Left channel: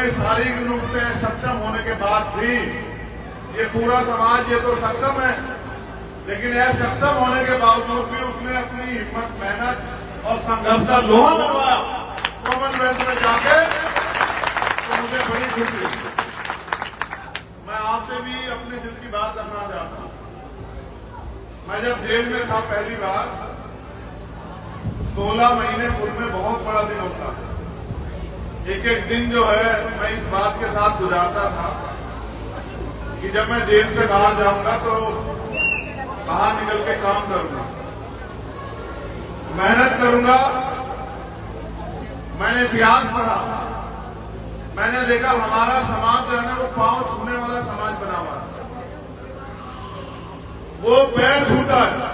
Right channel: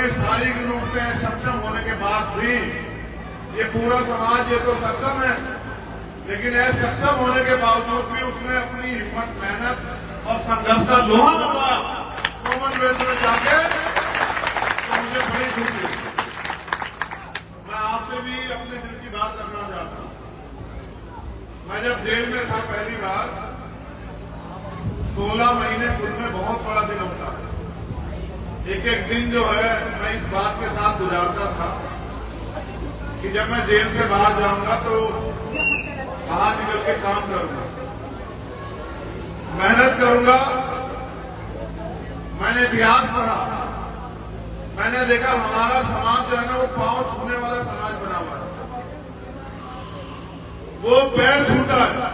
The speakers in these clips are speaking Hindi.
में शारीरिक रूप से सक्षम होने के बाद भी ये पूरा समाज ये तो सक्षम है, लेकिन यह सक्षम होने के बावजूद भी उसने अपनी हिम्मत, मेहनत और संघर्ष का लोहा मनवाया कॉमनवेल्थ में जाके, तो मुझे बड़ी खुशी हुई। मैं आपसे भी अपने दिल की बात रखना चाहता हूं। मैं जब जेल में था पहली बार, 16 महीने पूर्व में बहुत बड़ा दिन होता है। एक एक दिन जो है मैं इस बात के साथ गुजारता था कि जब मैं जेल से बाहर जाऊंगा तो बाहर निकल के काम करूंगा, मेहनत करूंगा। मैंने इतिहास पढ़ा, मैंने देखा हमारा समाज जो है ना वो पांव छूने वाला समाज बना हुआ है। वो पैर छूता है,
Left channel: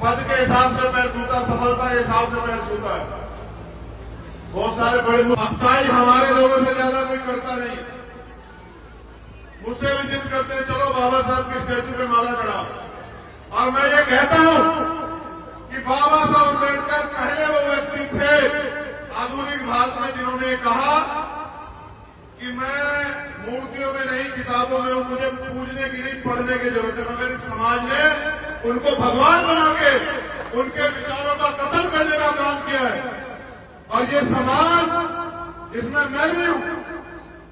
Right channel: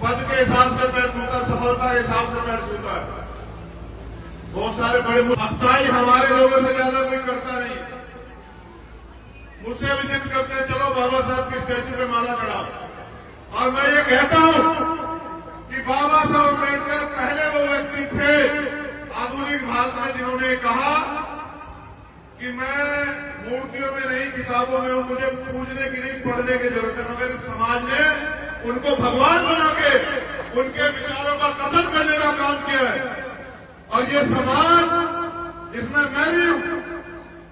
पद के हिसाब से पैर छूता, सफलता के हिसाब से पैर छूता है। बहुत सारे बड़े अफ्ताही हमारे लोगों से ज्यादा कोई करता नहीं। मुझसे भी जिद करते हैं चलो बाबा साहब की स्टेचू पे माला चढ़ाओ। और मैं ये कहता हूं कि बाबा साहब अम्बेडकर पहले वो व्यक्ति थे आधुनिक भारत में जिन्होंने कहा कि मैं मूर्तियों में नहीं, किताबों में हूं, मुझे पूजने की नहीं, पढ़ने की जरूरत है। मगर समाज ने उनको भगवान बना के उनके विचारों का कत्ल करने का काम किया है। और ये समाज, इसमें मैं भी हूं,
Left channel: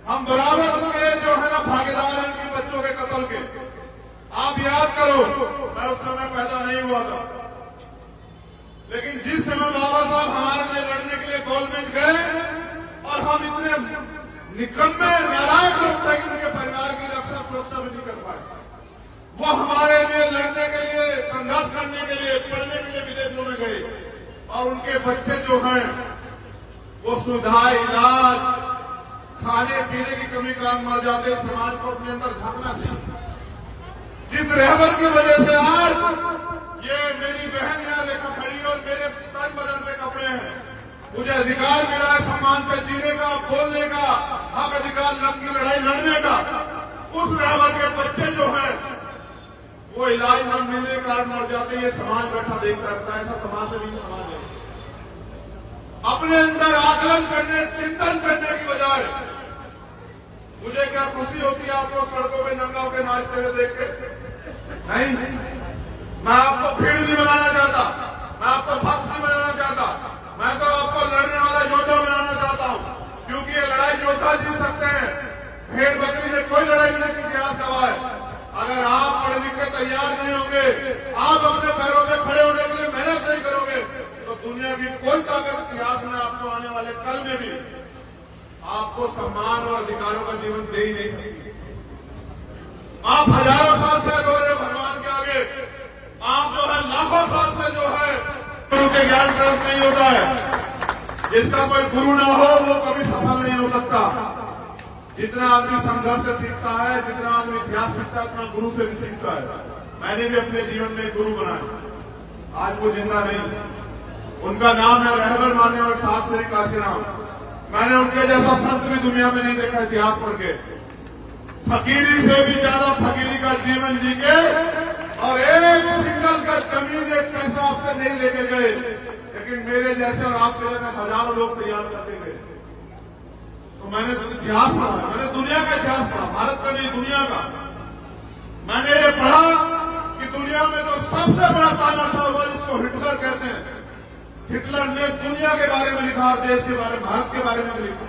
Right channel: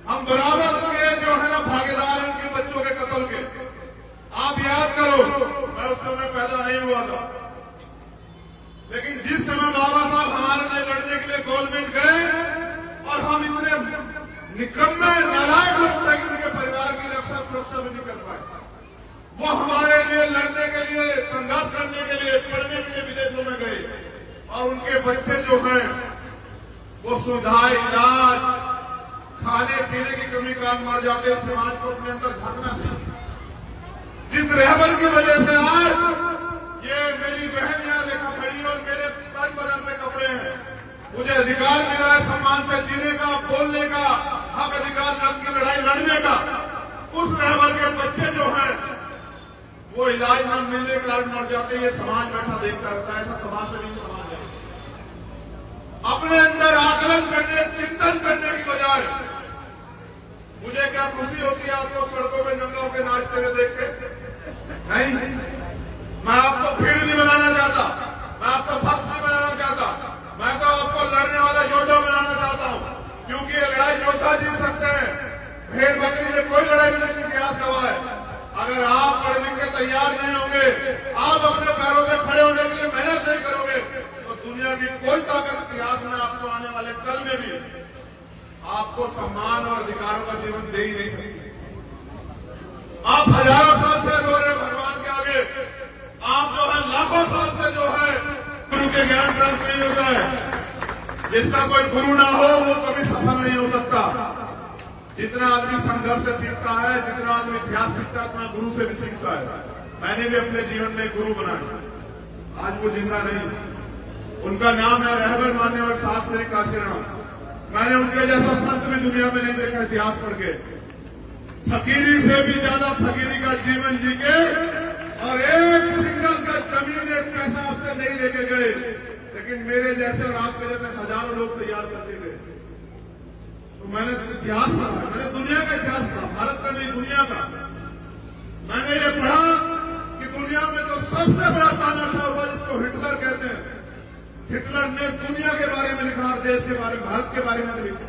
हम बराबर के जो है ना भागीदार हैं इन बच्चों के कत्ल के। आप याद करो, मैं उस समय पैदा नहीं हुआ था, लेकिन जिस समय बाबा साहब हमारे लिए लड़ने के लिए गोलमेज गए और हम इतने निकम्मे नालायक लोग थे कि उनके परिवार की रक्षा सुरक्षा भी नहीं कर पाए, वो हमारे लिए लड़ने के लिए, संघर्ष करने के लिए, पढ़ने के लिए विदेशों में गए। और उनके बच्चे जो हैं वो सुधार, इलाज, खाने पीने की कमी कारण मर जाते। समाज को अपने अंदर झांकना चाहिए। जिस रहबर की वजह से आज ये मेरी बहन यहाँ लेखा खड़ी और मेरे कई बदन में कपड़े हैं, मुझे अधिकार मिला है सम्मान से जीने का, बोलने का, हक अधिकार की लड़ाई लड़ने का। उस रहबर के बच्चे जो हैं वो इलाज न मिलने के कारण मर जाते। ये समाज बैठा देखता रहता है। ऐसा तमाशा नहीं समाज है। अपने अंदर आकलन करने, चिंतन करने की बजाय मुझे क्या खुशी होती है आपको सड़कों पे नंगा होकर नाचते हुए देख के? नहीं, मैं आपको भीड़ नहीं बनाना चाहता, मैं आपको भक्त नहीं बनाना चाहता, मैं तो आपको लड़ने वाला योद्धा बनाना चाहता हूं। क्योंकि ये लड़ाई योद्धा जीत सकते हैं, भेड़ बकरी में कोई लड़ाई नहीं की इतिहास गवाह है। अगर आप पढ़ लिख के तैयार नहीं होंगे, आप अपने पैरों पे खड़े होने के लिए मेहनत नहीं करोगे, तो दुनिया की कोई ताकत इतिहास में आपको आने वाले कल में भी आपको सम्मान और अधिकारों का जीवन दे ही नहीं सकती। आप हजारों साल से रो रहे भगवान के आगे, आप जो है लाखों साल से जो है गुरु के ज्ञान प्राप्त नहीं होता है। जिसका कोई गुरु ना हो वो कभी सफल नहीं हो सकता। जितना आदमी संघर्ष से सीखता है, जितना आदमी इतिहास सीखता है, उतना गुरु से भी सीखता है। मैंने भी अपने जीवन में गुरु बनाया, आज वो जिंदा नहीं। उनका नाम है रहबर मान्य और सात श्री काशीराम। मैंने उनके जैसा संत भी दुनिया में नहीं देखा इतिहास पढ़ के। फकीरी से भी ज्यादा फकीरी का जीवन जी के और एक सिंगल का जमीन, एक पैसा आपसे नहीं लेके गए, लेकिन मेरे जैसे और आपके जैसे हजारों लोग तैयार करते गए। तो मैंने इतिहास पढ़ा, मैंने दुनिया का इतिहास पढ़ा, भारत का नहीं दुनिया का। मैंने ये पढ़ा कि दुनिया में तो सबसे बड़ा तानाशाह हुआ जिसको हिटलर कहते हैं। हिटलर ने दुनिया के बारे में लिखा और देश के बारे में, भारत के बारे में भी लिखा।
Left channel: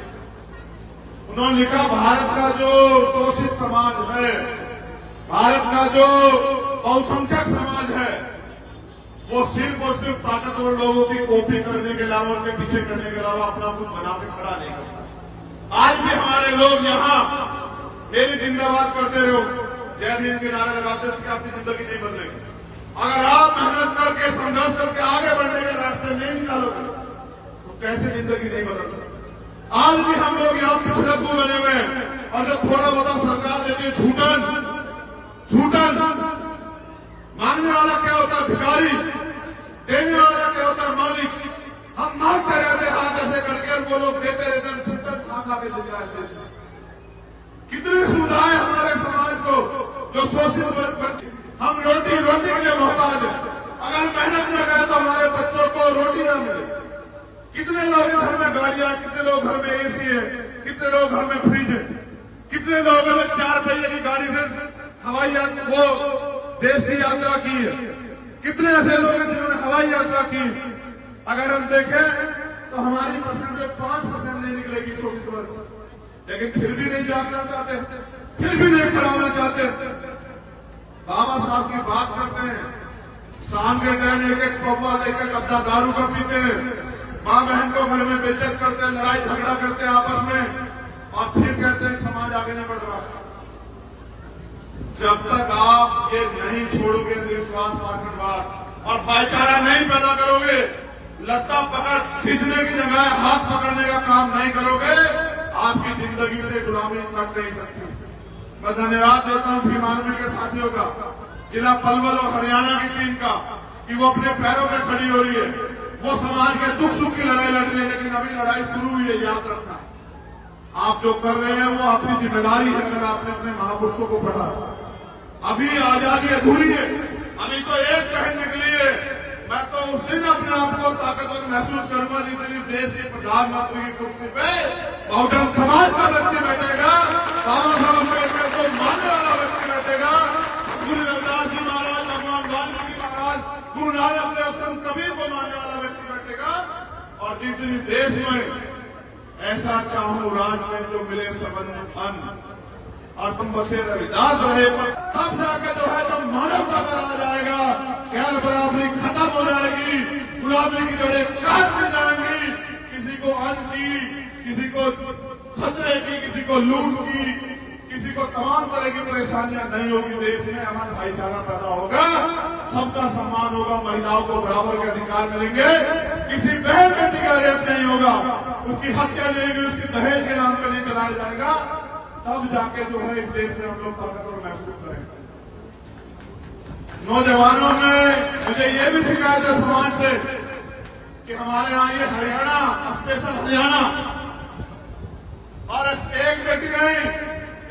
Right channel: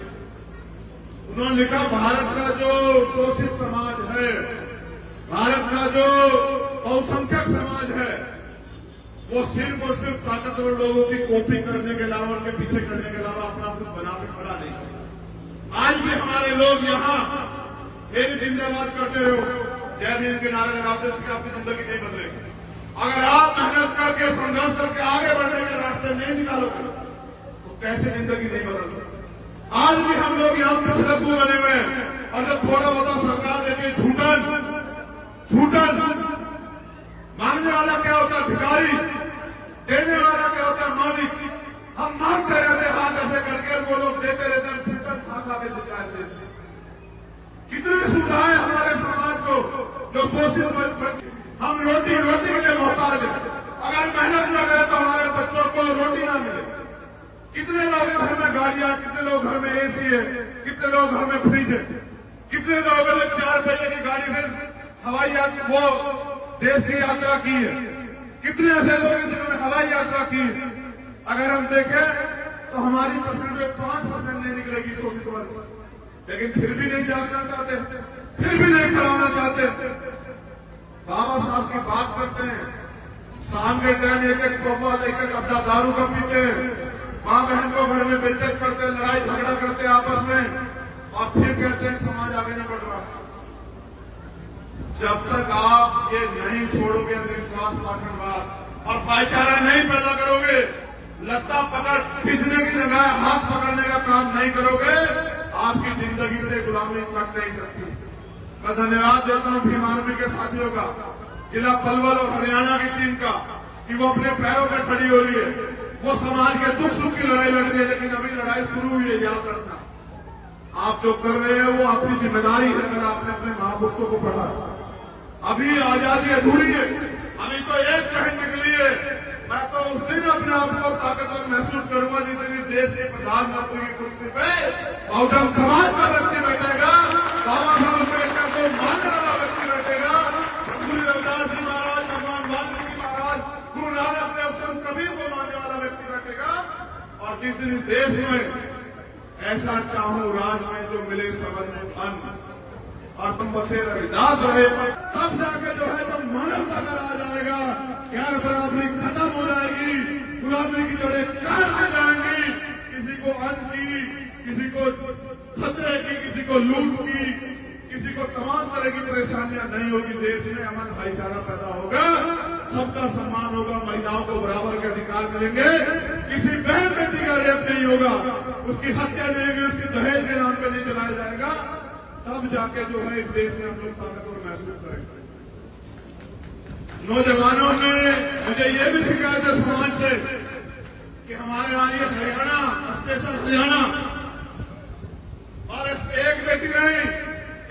उन्होंने लिखा भारत का जो शोषित समाज है, भारत का जो बहुसंख्यक समाज है, वो सिर्फ और सिर्फ ताकतवर लोगों की कॉपी करने के अलावा, उनके पीछे करने के अलावा अपना कुछ बना के खड़ा नहीं करता। आज भी हमारे लोग यहाँ मेरी जिंदाबाद करते रहो, जय भीम के नारे लगाते हैं, इससे आपकी जिंदगी नहीं बदलेगी। अगर आप मेहनत करके, संघर्ष करके आगे बढ़ने के रास्ते नहीं निकालोगे तो कैसे जिंदगी नहीं बदल सकती। आज भी हम लोग यहाँ पिछड़ू बने हुए हैं और जब थोड़ा बहुत सरकार देती है झूठन मांगने वाला क्या होता है भिखारी, देने वाला क्या होता है मालिक। हम मांगते रहते हाथ ऐसे करके, वो लोग देते रहते, हम सिस्टम खा के देते। कितनी सुविधाएं हमारे समाज को जो शोषित, हम रोटी के लिए मोहताज हैं। अगर मेहनत न करें तो हमारे बच्चों को रोटी ना मिले। कितने लोग घर में गाड़ियां, कितने लोग घर में एसी है, लोग घर में फ्रिज है, कितने लोगों ने 4 पहिए की गाड़ी से हवाई यात्रा वो देश की यात्रा की है, कितने ऐसे लोग हैं जिन्होंने हवाई यात्रा की है। अगर हम देखें तो हमारी परसेंटेज 5% नहीं निकलेगी सोशल वर्क, लेकिन फिर भी नहीं जागना चाहते, फिर भी नहीं खड़ा होना चाहते। बाबा साहब की बात करते हैं, शाम के टाइम एक एक कौवा एक एक अद्धा दारू का पीते हैं, माँ बहन को घर में बेइज्जत करते हैं, लड़ाई झगड़ा करते हैं आपस में, और फिर कहते हैं समाज आगे नहीं बढ़ रहा। जब तक आप ये नहीं छोड़ोगे अंधविश्वास पार्टीवाद और भाईचारा नहीं पैदा करोगे, लत्ता पकड़ खींचने की जगह हाथ पकड़ने का काम नहीं करोगे, आपकी जिंदगी से गुलामी कट नहीं सकती। मैं धन्यवाद देता हूं भीम आर्मी के साथियों का, जिला पलवल और हरियाणा की टीम का, कि वो अपने पैरों पर खड़ी हो रही है, वो समाज के दुख सुख की लड़ाई लड़ रही है। लेकिन अभी लड़ाई शुरू हुई है, याद रखना, आप जो कर रहे हैं वो आपकी जिम्मेदारी है। अगर आपने अपने महापुरुषों को पढ़ा, अभी आजादी अधूरी है, अभी तो एक पहन निकली है। मैं तो उस दिन अपने आप को ताकतवर महसूस करूंगा जिस दिन देश के प्रधानमंत्री की कुर्सी पे बहुजन समाज का व्यक्ति बैठेगा, बाबा साहब अम्बेडकर को मानने वाला व्यक्ति बैठेगा, गुरु रविदास जी महाराज, भगवान वाल्मीकि महाराज, गुरु नानक देव, संत कबीर को मानने वाला व्यक्ति बैठेगा। और जिस दिन देश में ऐसा चाहूं राज में जो मिले सबन में अन्न और तुम बसे रविदास रहे, तब जाके जो है तुम मानवता में आ जाएगा, गैर बराबरी खत्म हो जाएगी, गुलामी की जड़ें खत्म हो जाएंगी, किसी को अन्न की, किसी को खतरे की, किसी को लूट की, किसी को तमाम तरह की परेशानियां नहीं होगी। देश में अमन भाईचारा पैदा होगा, सबका सम्मान होगा, महिलाओं को बराबर के अधिकार मिलेंगे, किसी बहन बेटी का रेप नहीं होगा, उसकी हत्या नहीं होगी, उसकी दहेज के नाम पर नहीं चलाया जाएगा। तब जाके जो है इस देश में हम लोग ताकतवर महसूस करेंगे। नौजवानों में मुझे ये भी शिकायत है समाज से कि हमारे यहाँ ये हरियाणा, स्पेशल हरियाणा, और एक बेटी नहीं,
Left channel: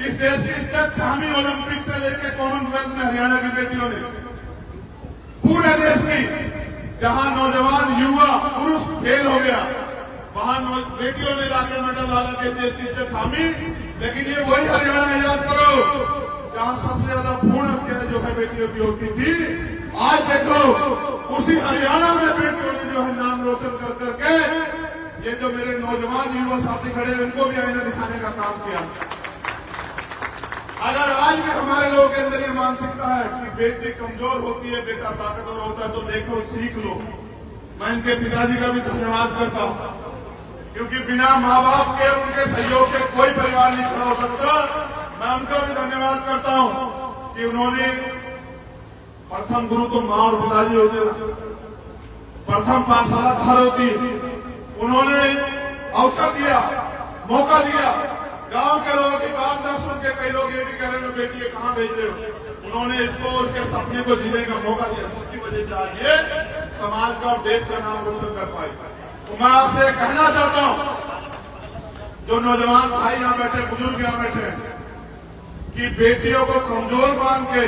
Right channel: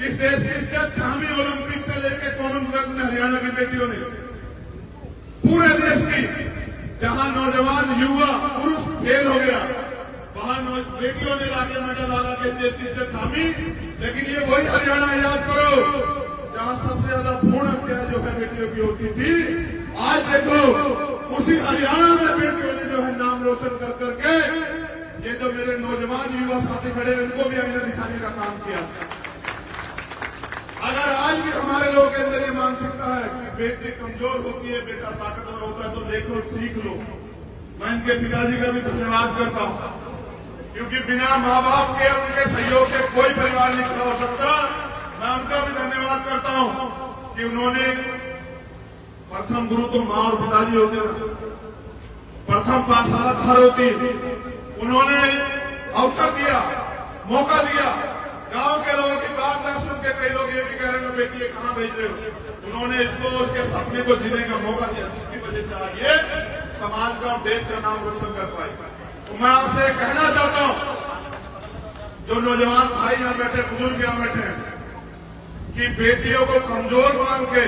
इस देश की इज्जत थामी ओलंपिक से लेकर कॉमनवेल्थ में हरियाणा की बेटियों ने, पूरे देश की, जहां नौजवान युवा पुरुष फेल हो गया, वहां बेटियों ने लाके मेडल ला के देश की इज्जत थामी। लेकिन ये वही हरियाणा, याद करो, जहां सबसे ज्यादा भ्रूण हत्या जो है बेटियों की होती थी। आज देखो उसी हरियाणा में बेटियों ने जो है नाम रोशन कर करके, ये जो मेरे नौजवान युवा साथी खड़े हैं इनको भी हमने दिखाने का काम किया। अगर आज भी हमारे लोग के अंदर ये मानसिकता है कि बेटी कमजोर होती है, बेटा ताकतवर होता है, तो देखो सीख लो। मैं इनके पिताजी का भी धन्यवाद करता हूं, क्योंकि बिना माँ बाप के, उनके सहयोग से कोई परिवार नहीं खड़ा हो सकता। मैं उनका भी धन्यवाद करता हूं कि उन्होंने, प्रथम गुरु तो माँ और पिताजी होते हैं, प्रथम पाठशाला घर होती है, उन्होंने अवसर दिया, मौका दिया। गांव के लोगों की बात न सुन के कई लोग ये भी कह रहे हैं बेटी ये कहां भेज रहे हो, उन्होंने इसको उसके सपने को जीने का मौका दिया, जिसकी वजह से आज ये समाज का और देश का नाम रोशन कर पाए। तो मैं आपसे कहना चाहता हूं, जो नौजवान भाई यहां बैठे, बुजुर्ग यहां बैठे हैं, कि बेटियों को कमजोर मान के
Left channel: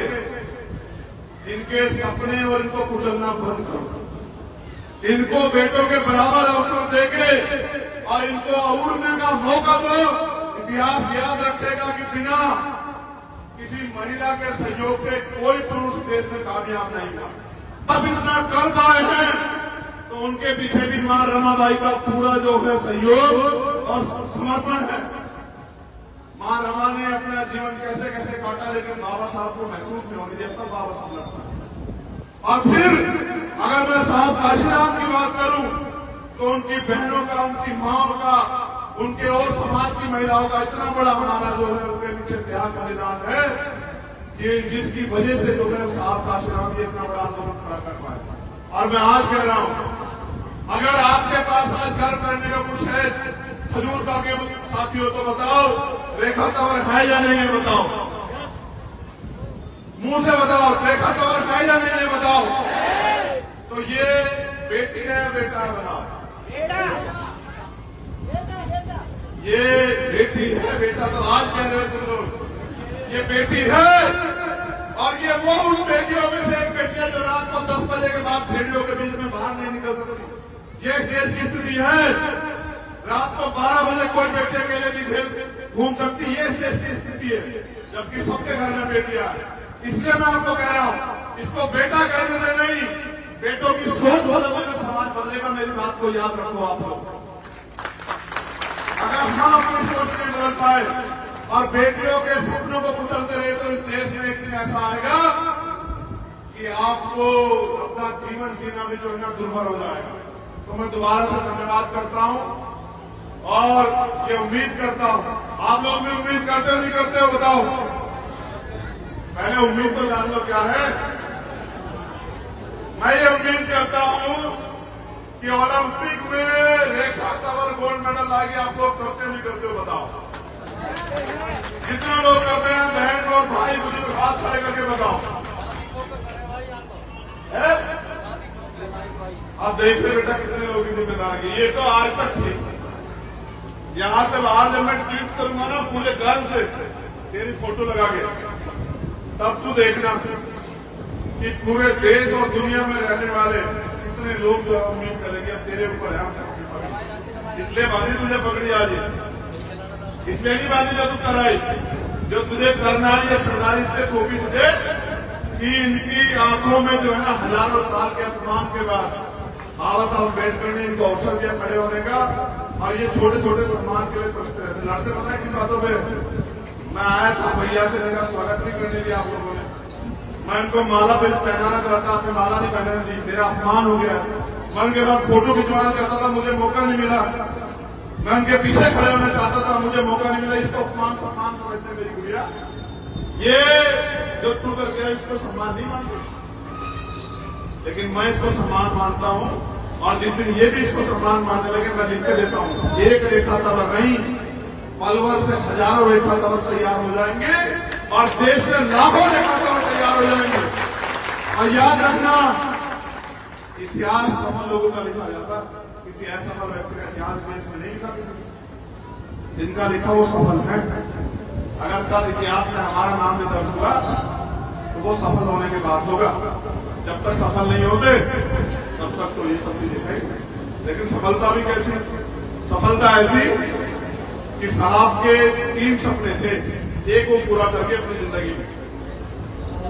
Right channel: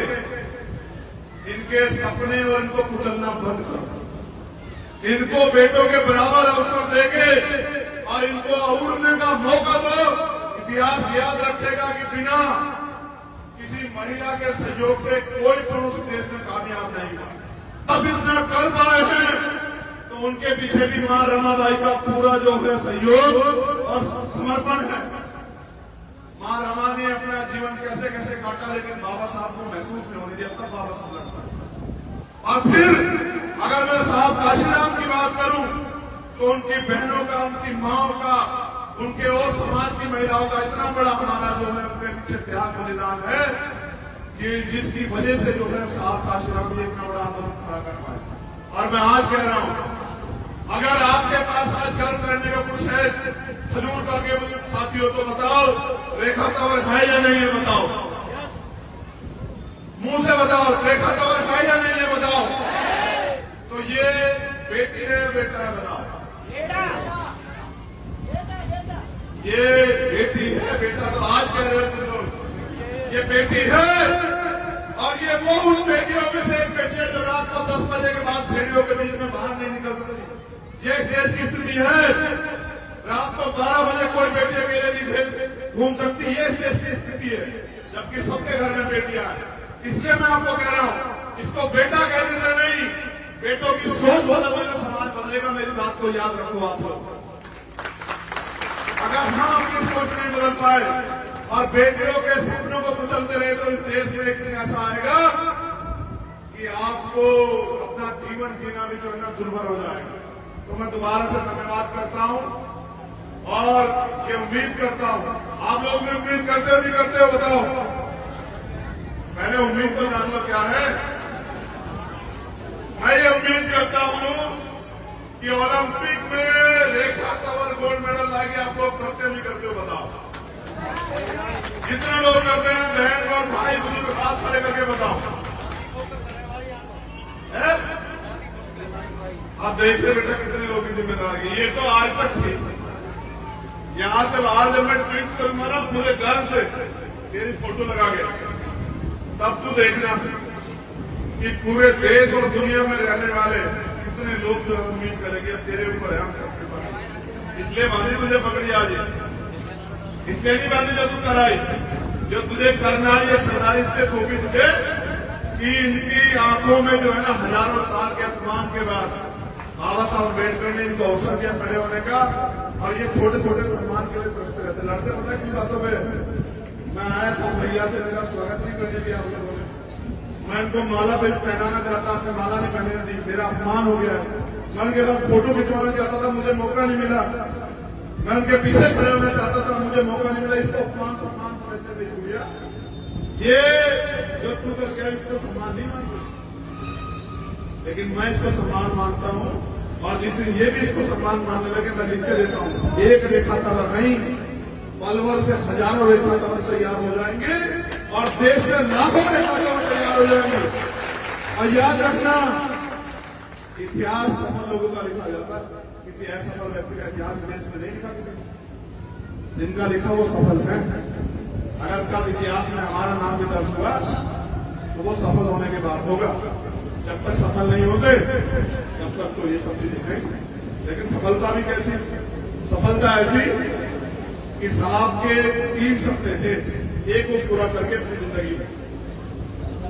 इनके सपने और इनको कुचलना बंद करो। इनको बेटों के बराबर अवसर देके और इनको उड़ने का मौका दो। इतिहास याद रखेगा कि बिना किसी महिला के सहयोग के कोई पुरुष देश में कामयाब नहीं हुआ। अब इतना कर पाए हैं तो उनके पीछे भी मां रमाबाई का पूरा जो है सहयोग और समर्पण है। मां रमा ने अपना जीवन कैसे कैसे काटा, लेकिन बाबा साहब को महसूस नहीं होने दिया, तब बाबा साहब लड़ता है। और फिर अगर मैं साहब काशीराम की बात करूं तो उनकी बहनों का, उनकी माओ का, उनके और समाज की महिलाओं का इतना बड़ा हमारा जो है उनके पीछे त्याग बलिदान है, ये जिसकी वजह से जो है साहब काशीराम जी इतना बड़ा आंदोलन खड़ा कर पाए। और मैं आज कह रहा हूं, अगर आपके पास आज गर्व करने का कुछ है हजूर का के साथियों, तो बताओ रेखा तंवर है या नहीं है, बताओ, मुंह से बताओ, रेखा तंवर है या नहीं है, बताओ। तो ये बेटी है, बेटा है, बताओ। ये बेटी है, बेटा तो आज कह रहे हो तुम लोग, ये बेटी है। और ये वो उन बेटियों में से एक बेटी है जो रात को 10 बजे के बाद भेड़ियों के बीच में बाहर नहीं निकल सकती। ये देश की स्थिति है। रात को 12 बजे कोई बेटे मेरे नहीं घूम सकती है, ये देश की स्थिति है, जबकि सबके घर में बेटियां हैं। इसलिए मैं आपको कह रहा हूं, इसको बेटा कहने से नहीं, बेटों की सोच बदलेगा, समाज बदलेगा। मेरी बात को याद रखो आप लोग। अगर हम अपनी सोच नहीं बदल पाए और बेटियों के सपनों को कुचलते रहे तो इस देश में एक दिन ऐसा आएगा कि आपको अपना जीवन जीना भी जो है ना दुर्भर हो जाएगा। तो मैं दोबारा से धन्यवाद करता हूं और ये उम्मीद करता हूं, आप लोग भी उम्मीद करते हो नहीं करते हो बताओ? पहले उम्मीद तो जान लो क्या है। मैं ये उम्मीद करता हूं कि ओलंपिक में रेखा तंवर गोल्ड मेडल लाएगी। आप लोग करते नहीं करते हो बताओ? जितने लोग करते हैं बहन और भाई बुजुर्ग हाथ खड़े करके बताओ। आप देखते बेटा कितने लोगों की जिम्मेदारी। ये तो आज तक थी। यहां से बाहर जब मैं ट्वीट करूंगा ना पूरे घर से मेरी फोटो लगा के, तब तो देखना कि पूरे देश और दुनिया में रहने वाले कितने लोग जो उम्मीद करेंगे अब तेरे ऊपर है, हम सबके ऊपर। इसलिए बांधी तुझे पकड़ी आ रही, इसलिए नहीं बांधी जो तू कराई, जो तुझे करना है ये सरदारी इसलिए सौंपी तुझे कि इनकी आंखों में जो है ना हजारों साल के अपमान के बाद बाबा साहब अम्बेडकर ने इनको अवसर दिया खड़े होने का, और ये छोटे छोटे सम्मान के लिए प्रश्न रहते लड़ते। पता है किन बातों में मैं आया था, भैया से मेरा स्वागत नहीं करने दिया आप लोगों ने। मैं इनको माला पहनाना चाहता, आपने माला नहीं पहनाने दी, मेरा अपमान हो गया। मैं उनके बाद फोटो खिंचवाना चाहता था, मुझे मौका नहीं मिला। मैं उनके पीछे खड़े होना चाहता था, मुझे मौका नहीं मिला। इसको अपमान सम्मान समझते मेरी गुड़िया, ये जो तू कर गया इसको सम्मान नहीं मानते, लेकिन मैं इसको सम्मान मानता हूं। और जिस दिन ये भी इसको सम्मान मानने लगे मैं लिख के देता हूं, एक रेखा तंवर नहीं पलवल से हजारों रेखा तंवर तैयार हो जाएंगे और देश से लाखों रेखा तंवर तैयार हो जाएंगे। और याद रखना, इतिहास सफल लोगों का लिखा जाता, किसी असफल व्यक्ति का इतिहास देश में नहीं लिखा किसी ने। जिनका लिखा वो सफल है। अगर कल इतिहास में हमारा नाम भी दर्ज होगा तो वो सफल होने के बाद होगा। जब तक सफल नहीं होते तब तक तो ये सब चीजें हैं। लेकिन सफलता भी कैसी? सफलता ऐसी कि साहब के 3 सपने थे, एक वो पूरा करके अपनी जिंदगी में।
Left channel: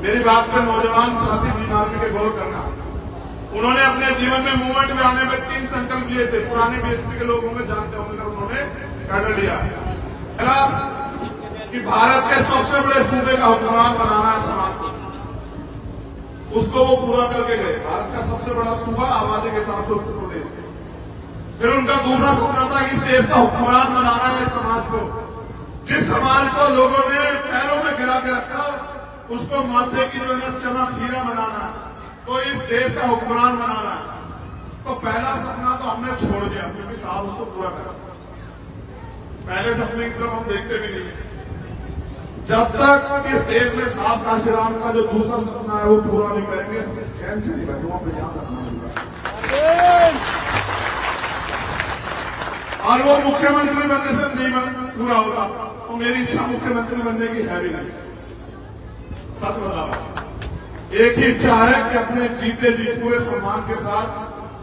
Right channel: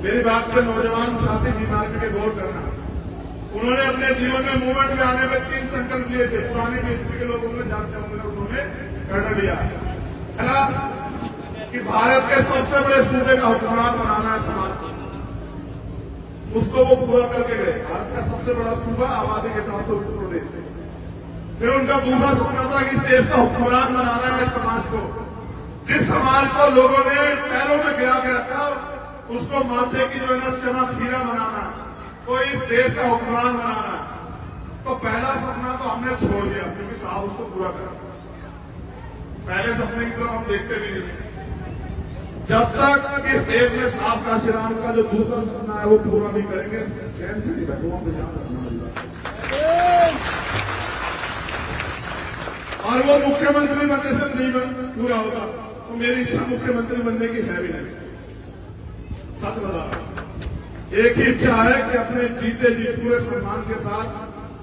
मेरी बात पे नौजवान साथी बीमारी के गौर करना। उन्होंने अपने जीवन में मूवमेंट में आने में 3 संकल्प लिए थे। पुराने बीएसपी के लोगों में जानते होंगे, उन्होंने कर लिया है कि भारत के सबसे बड़े सूबे का हुक्मरान बनाना है समाज को। उसको वो पूरा करके गए। भारत का सबसे बड़ा सूबा आबादी के हिसाब से उत्तर प्रदेश है। फिर उनका दूसरा सपना था कि इस देश का हुक्मरान बनाना है समाज को। जिस समाज को लोगों ने पैरों में गिरा के रखा उसको माथे की जो है ना चमक हीरा बनाना है, तो इस देश का हुक्मरान बनाना है। तो पहला सपना तो हमने छोड़ दिया क्योंकि साहब उसको पूरा करा। पहले सपने की तरफ हम देखते भी नहीं है। जब तक इस देश में साहब काशीराम का जो दूसरा सपना है वो पूरा नहीं करेंगे, चैन से नहीं बैठे पे ध्यान रखना। और वो मुख्यमंत्री बनने से नहीं पूरा होगा, तो मेरी इच्छा मुख्यमंत्री बनने की है भी नहीं। सच बता रहा हूं, एक ही इच्छा है कि अपने जीते जी पूरे सम्मान के साथ,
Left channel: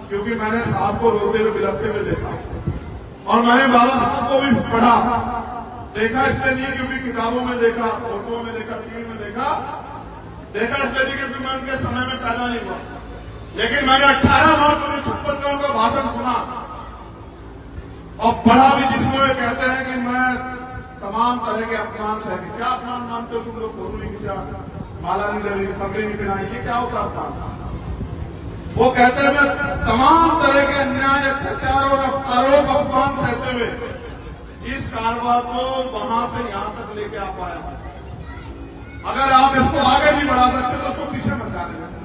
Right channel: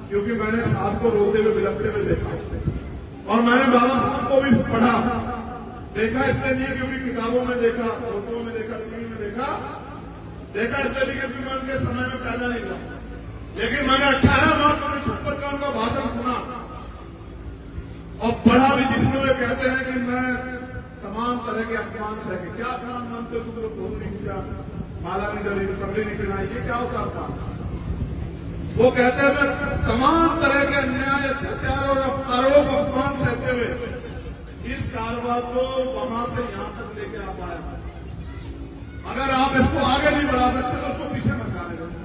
क्योंकि मैंने साहब को रोते हुए बिलखते हुए देखा और मैंने बाबा साहब को भी पढ़ा देखा। इसलिए नहीं क्योंकि किताबों में देखा, फोटो में देखा, टीवी में देखा इसलिए नहीं क्योंकि मैं उनके समय में पैदा नहीं हुआ, लेकिन मैंने 18 मार्च 1956 का उनका भाषण सुना और पढ़ा भी, जिसमें वे कहते हैं कि मैं तमाम तरह के अपमान सह के। क्या अपमान मानते हो? तुम लोग फोटो नहीं खींचा, माला नहीं करी, पगड़ी नहीं पहनाई, ये क्या होता अपमान? वो कहते हैं मैं तमाम तरह के अन्याय, अत्याचार और आरोप अपमान सहते हुए इस कारवां को वहां से यहां तक लेके आ पाया। अगर आप इसको आगे नहीं बढ़ा सकते तो उसको पीछे मत जाने देना।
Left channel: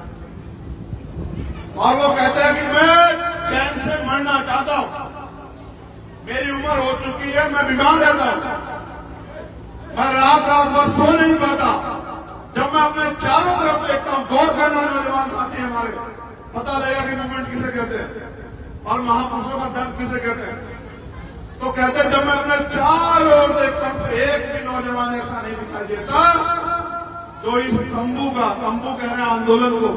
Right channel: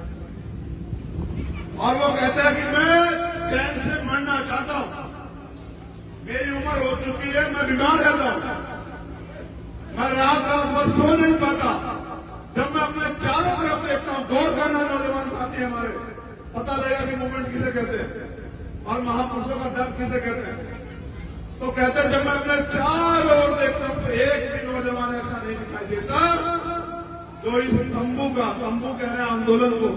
और वो कहते हैं कि मैं चैन से मरना चाहता हूं, मेरी उम्र हो चुकी है, मैं बीमार रहता हूं, मैं रात भर सो नहीं पाता। जब मैं अपने चारों तरफ देखता हूं, गौर करना नौजवान साथी हमारे, पता लगेगा कि मूवमेंट किसे कहते हैं और महापुरुषों का दर्द किसे कहते हैं। तो कहते हैं जब मैं अपने चारों ओर देखता हूं तो एक भी नौजवान ऐसा नहीं दिखाई देता जो इस तंबू कह रहे हैं आंदोलन को,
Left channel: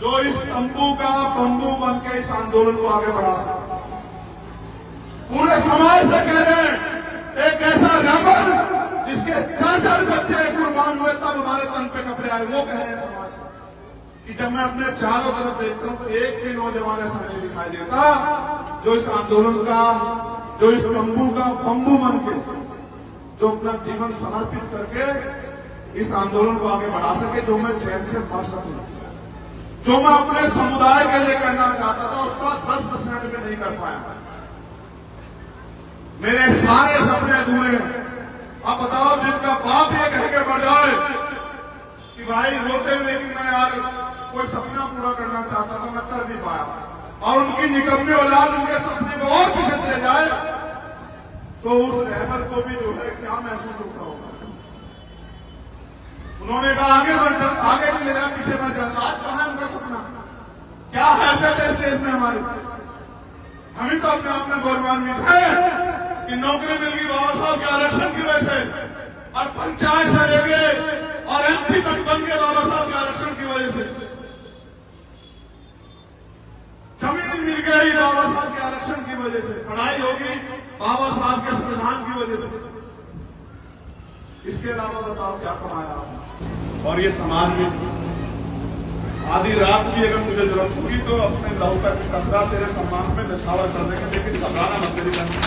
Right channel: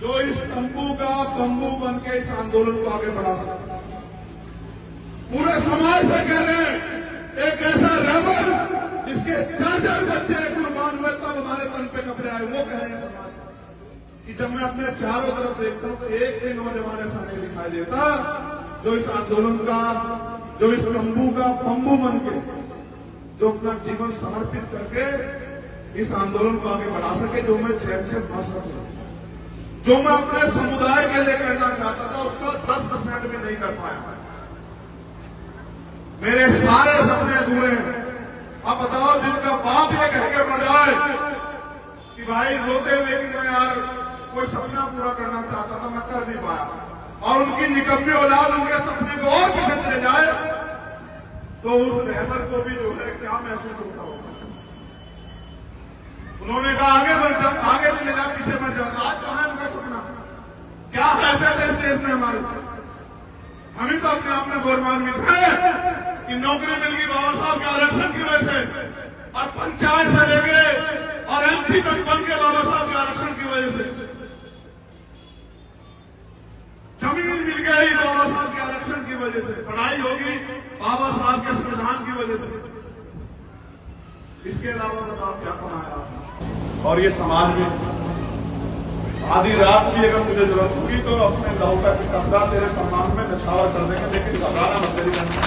जो इस तंबू का बंबू बन के इस आंदोलन को आगे बढ़ा सकता। पूरे समाज से कह रहे हैं है वो कह रहे हैं समाज कि जब मैं अपने चारों तरफ देखता हूं तो एक भी नौजवान ऐसा नहीं दिखाई देता जो इस आंदोलन का, जो इस तंबू का बंबू बन के, जो अपना जीवन समर्पित करके इस आंदोलन को आगे बढ़ा सके, जो मैं चैन से बच सकूं, जो मैं अपने समुदाय के लिए करना चाहता था उसका 10% भी नहीं कर पाया। मेरे सारे सपने अधूरे हैं। अब बताओ, जिनका बाप ये कह के बढ़ जाए कि भाई रोते हुए कि मैं यार कोई सपना पूरा करना चाहता था, मैं कर नहीं पाया, और उनकी निकम्मी औलाद उनके सपने को और पीछे चले जाए, तो उस रहबर को भी जो है क्या महसूस होता होगा। उन्होंने कहा आगे नहीं लेना, पीछे मैं जाता। आज कहां उनका सपना, क्या हैसियत है इस देश में हमारी। हम ही तो अपने आप में गौरवान्वित है कि नौकरी मिल गई बाबा साहब के आरक्षण की वजह से, और पंचायत से लेके और एमपी तक बन गए बाबा साहब के आरक्षण की वजह से। जमीन मिल गई बाबा साहब के आरक्षण की वजह से, पढ़ाई होगी बाबा साहब के संविधान की वजह से। इसके अलावा बताओ क्या कमाया आपने। और ये समाज में आधी रात भी अगर मुझे जरूरत होगी तो अपने लहू का कपड़ा तेरे सम्मान में नछावर कर देंगे, लेकिन घबराना मत तेरी करना।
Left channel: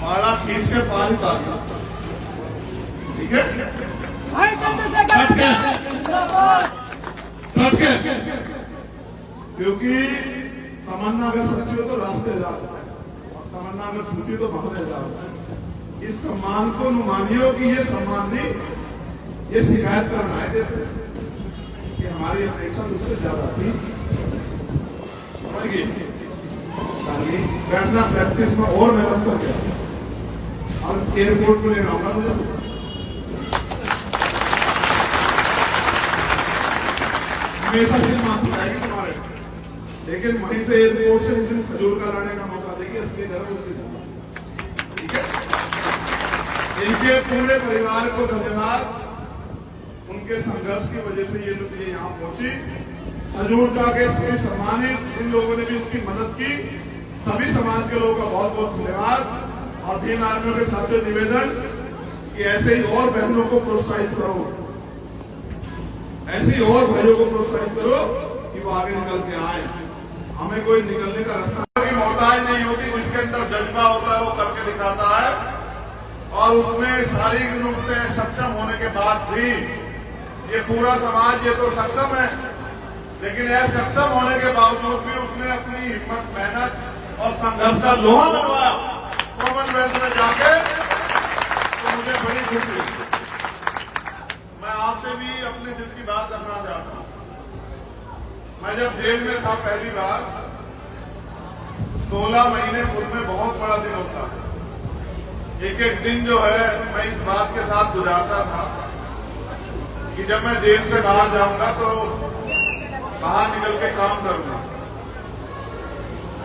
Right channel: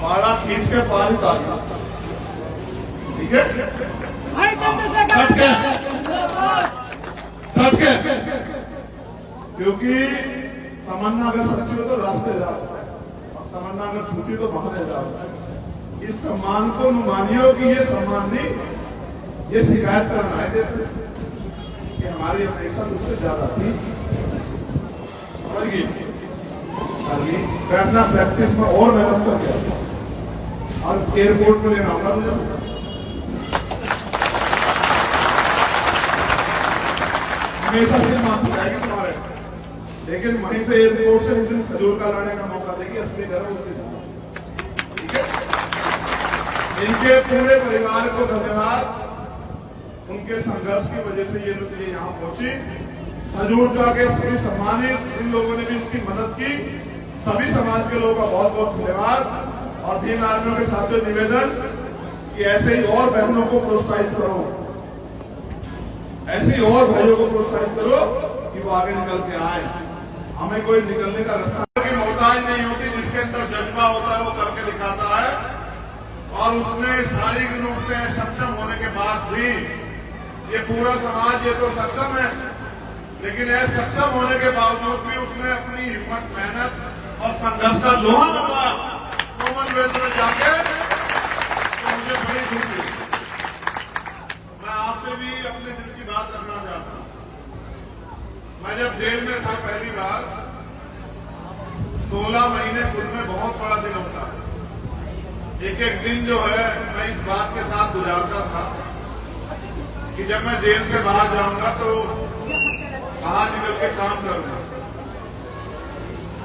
पाला खींच के पार ही उतार, ठीक है, डट के, क्योंकि तमन्ना अगर सच्ची हो तो रास्ते जाता है, और तमन्ना अगर झूठी तो बाहर जाता है। इस सम्मान को मानियो कि ये सम्मान नहीं, ये शिकायत करना है कि हमारी अपेक्षा उससे ज्यादा थी। समझिए, बैठना प्रैक्टिस में और मेहनत कर गया, और एयरपोर्ट को लेना होगा मुझे। हमेशा से माफी जाएगी तुम्हारे, लेकिन वहीं से एयरपोर्ट से उस दिन खजूर का लाने का मौका देगी, असली गर्व उसकी। ठीक है, इनके पूरे परिवार को धन्यवाद। उनके संघर्ष की वजह से ये लोग यहाँ पहुंची। खजूर का के सभी सम्मानित इन लोगों ने भी इसकी मदद की। सभी समाज के लोगों का बहुत बहुत धन्यवाद। और भीम आर्मियों के साथियों निवेदन कि ऐसे ही और बहनों को प्रोत्साहित करो, ऐसे ही और भाइयों को प्रोत्साहित करो कि वो आगे निकल के आए। हमें कोई निकलने का रास्ता की मोहताज नहीं होती, जिसके अंदर जज्बा होता है वो करके दिखाता है। और उसमें शारीरिक रूप से सक्षम होने के बाद भी ये पूरा समाज ये तो सक्षम है, लेकिन यह सक्षम होने के बावजूद भी उसने अपनी हिम्मत, मेहनत और संघर्ष का लोहा मनवाया कॉमनवेल्थ में जाके, तो मुझे बड़ी खुशी। मैं आपसे भी अपने दिल की बात रखना चाहता हूं। मैं जब जेल में था पहली बार, 16 महीने खुद में बहुत बड़ा दिन होता है। एक एक दिन जो है मैं इस बात के साथ गुजारता था कि जब मैं जेल से बाहर जाऊंगा तो बाहर निकल के काम करूंगा,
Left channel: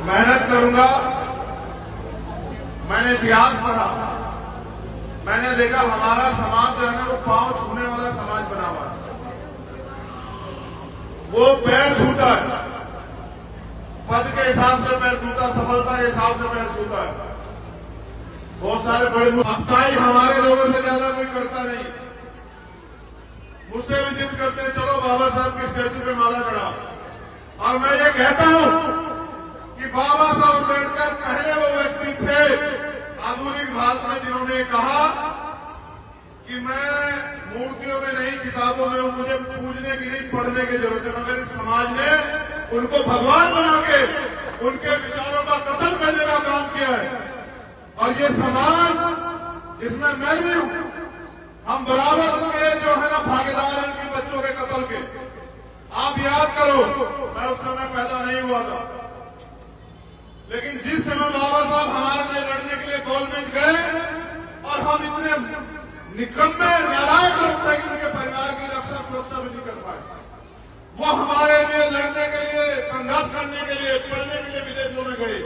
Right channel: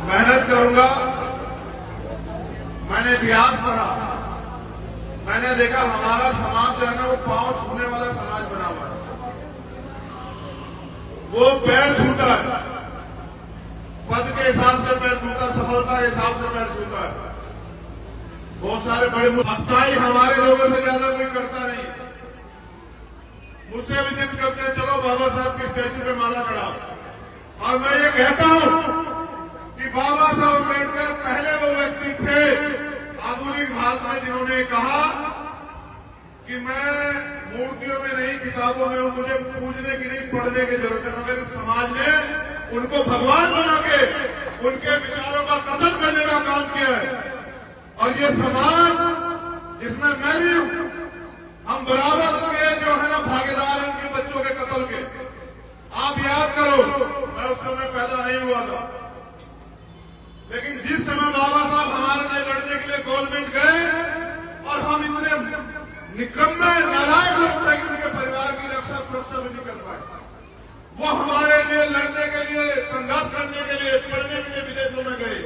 मेहनत करूंगा। मैंने इतिहास पढ़ा, मैंने देखा हमारा समाज जो है ना वो पांव छूने वाला समाज बना हुआ है। वो पैर छूता है, पद के हिसाब से पैर छूता, सफलता के हिसाब से पैर छूता है। बहुत सारे बड़े अफ्ताही हमारे लोगों से ज्यादा कोई करता नहीं। मुझसे भी जिद करते हैं चलो बाबा साहब की स्टैचू पे माला चढ़ाओ। और मैं ये कहता हूं कि बाबा साहब अम्बेडकर पहले वो व्यक्ति थे आधुनिक भारत में जिन्होंने कहा कि मैं मूर्तियों में नहीं, किताबों में, मुझे पूजने की नहीं, पढ़ने की जरूरत है, मगर समाज ने उनको भगवान बना के उनके विचारों का कत्ल करने का काम किया है। और ये समाज जिसमें मैं भी हूं, हम बराबर के जो है ना भागीदार हैं इन बच्चों के कत्ल के। आप याद करो, मैं उस समय पैदा नहीं हुआ था, लेकिन जिस समय बाबा साहब हमारे लिए लड़ने के लिए गोलमेज गए और हम इतने निकम्मे नालायक लोग थे कि उनके परिवार की रक्षा सुरक्षा भी नहीं कर पाए, वो हमारे लिए लड़ने के लिए, संघर्ष करने के लिए, पढ़ने के लिए विदेशों में गए।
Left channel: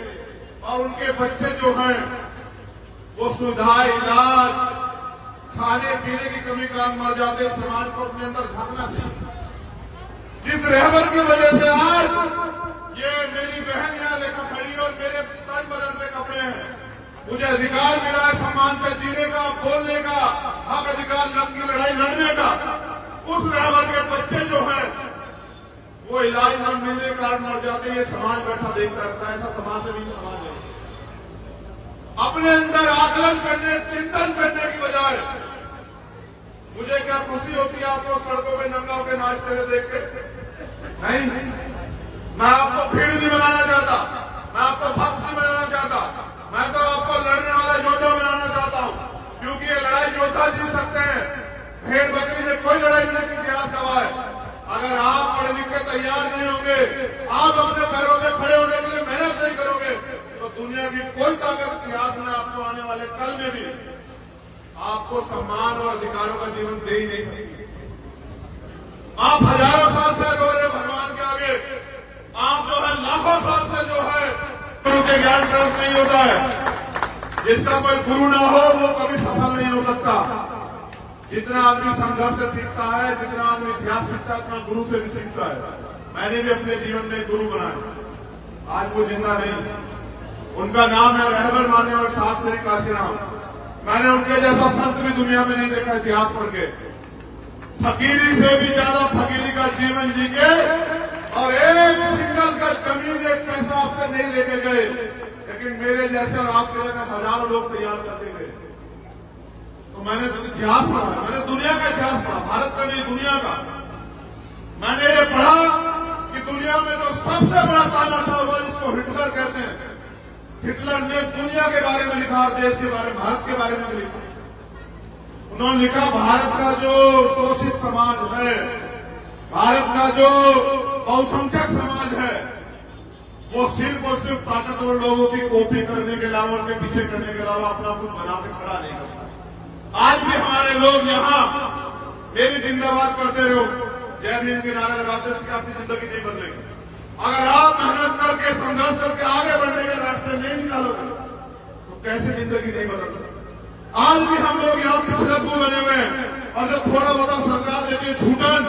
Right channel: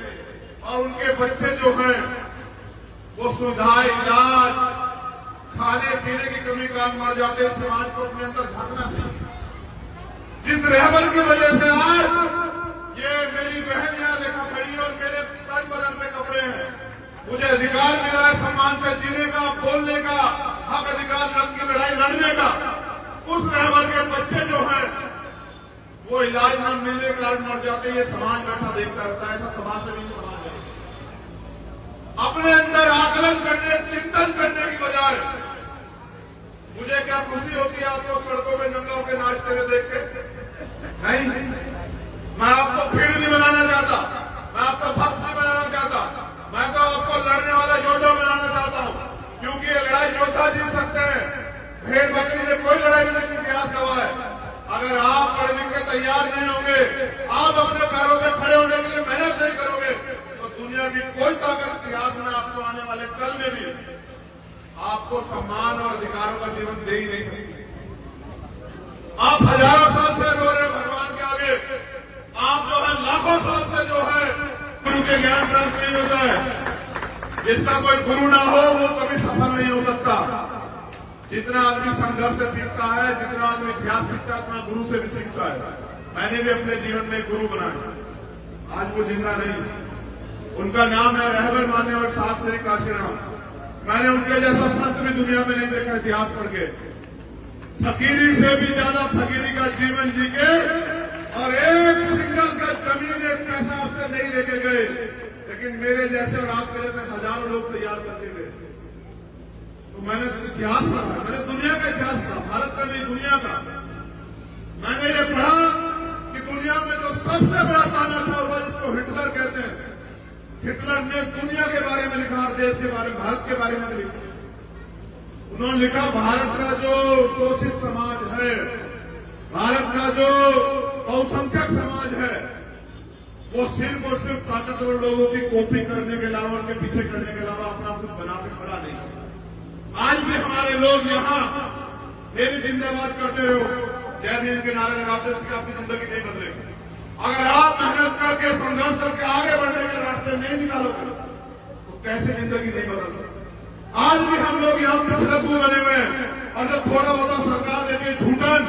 और उनके बच्चे जो हैं वो सुविधा, इलाज, खाने पीने की कमी कारण मर जाते। समाज को अपने अंदर झांकना चाहिए। जिस रहबर की वजह से आज ये मेरी बहन यहाँ देखा खड़ी और मेरे तन बदन पे कपड़े हैं, मुझे अधिकार मिला है सम्मान से जीने का, बोलने का, हक अधिकार की लड़ाई लड़ने का। उस रहबर के बच्चे जो हैं वो इलाज न मिलने के कारण मर जाते हैं, ये समाज बैठा देखता रहता है। ऐसा तमाशा नहीं समाज है। अपने अंदर आकलन करने, चिंतन करने की बजाय मुझे क्या खुशी होती है आपको सड़कों पे नंगा होकर नाचते हुए देख के? नहीं, मैं आपको भीड़ नहीं बनाना चाहता, मैं आपको भक्त नहीं बनाना चाहता, मैं तो आपको लड़ने वाला योद्धा बनाना चाहता हूं। क्योंकि ये लड़ाई योद्धा जीत सकते हैं, भेड़ बकरी में कोई लड़ाई नहीं की इतिहास गवाह है। अगर आप पढ़ लिख के तैयार नहीं होंगे, आप अपने पैरों पे खड़े होने के लिए मेहनत नहीं करोगे, तो दुनिया की कोई ताकत इतिहास में आपको आने वाले कल में भी आपको सम्मान और अधिकारों का जीवन दे ही नहीं सकती। आप हजारों साल से रो रहे भगवान के आगे, आप जो है लाखों साल से जो है गुरु के ज्ञान प्राप्त नहीं होता है। जिसका कोई गुरु ना हो वो कभी सफल नहीं हो सकता। जितना आदमी संघर्ष से सीखता है, जितना आदमी इतिहास सीखता है, उतना गुरु से भी सीखता है। मैंने भी अपने जीवन में गुरु बनाया, आज वो जिंदा नहीं। उनका नाम है रहबर मान्य और सात श्री काशीराम। मैंने उनके जैसा संत भी दुनिया में नहीं देखा इतिहास पढ़ के। फकीरी से भी ज्यादा फकीरी का जीवन जी के और एक सिंगल का जमीन, एक पैसा आपसे नहीं लेके गए, लेकिन मेरे जैसे और आपके जैसे हजारों लोग तैयार करते गए। तो मैंने इतिहास पढ़ा, मैंने दुनिया का इतिहास पढ़ा, भारत का नहीं दुनिया का। मैंने ये पढ़ा कि दुनिया में जो सबसे बड़ा तानाशाह हुआ जिसको हिटलर कहते हैं, हिटलर ने दुनिया के बारे में लिखा और देश के बारे में, भारत के बारे में भी लिखा। उन्होंने लिखा भारत का जो शोषित समाज है, भारत का जो बहुसंख्यक समाज है, वो सिर्फ और सिर्फ ताकतवर लोगों की कॉपी करने के अलावा, उनके पीछे करने के अलावा अपना कुछ बना के खड़ा नहीं करता। आज भी हमारे लोग यहाँ मेरी जिंदाबाद करते रहो, जय भीम के नारे लगाते हैं, इससे आपकी जिंदगी नहीं बदलेगी। अगर आप मेहनत करके, संघर्ष करके आगे बढ़ने के रास्ते नहीं निकालोगे तो कैसे जिंदगी नहीं बदल सकती। आज भी हम लोग यहाँ पिछड़ू बने हुए हैं और जब थोड़ा बहुत सरकार देती छूटन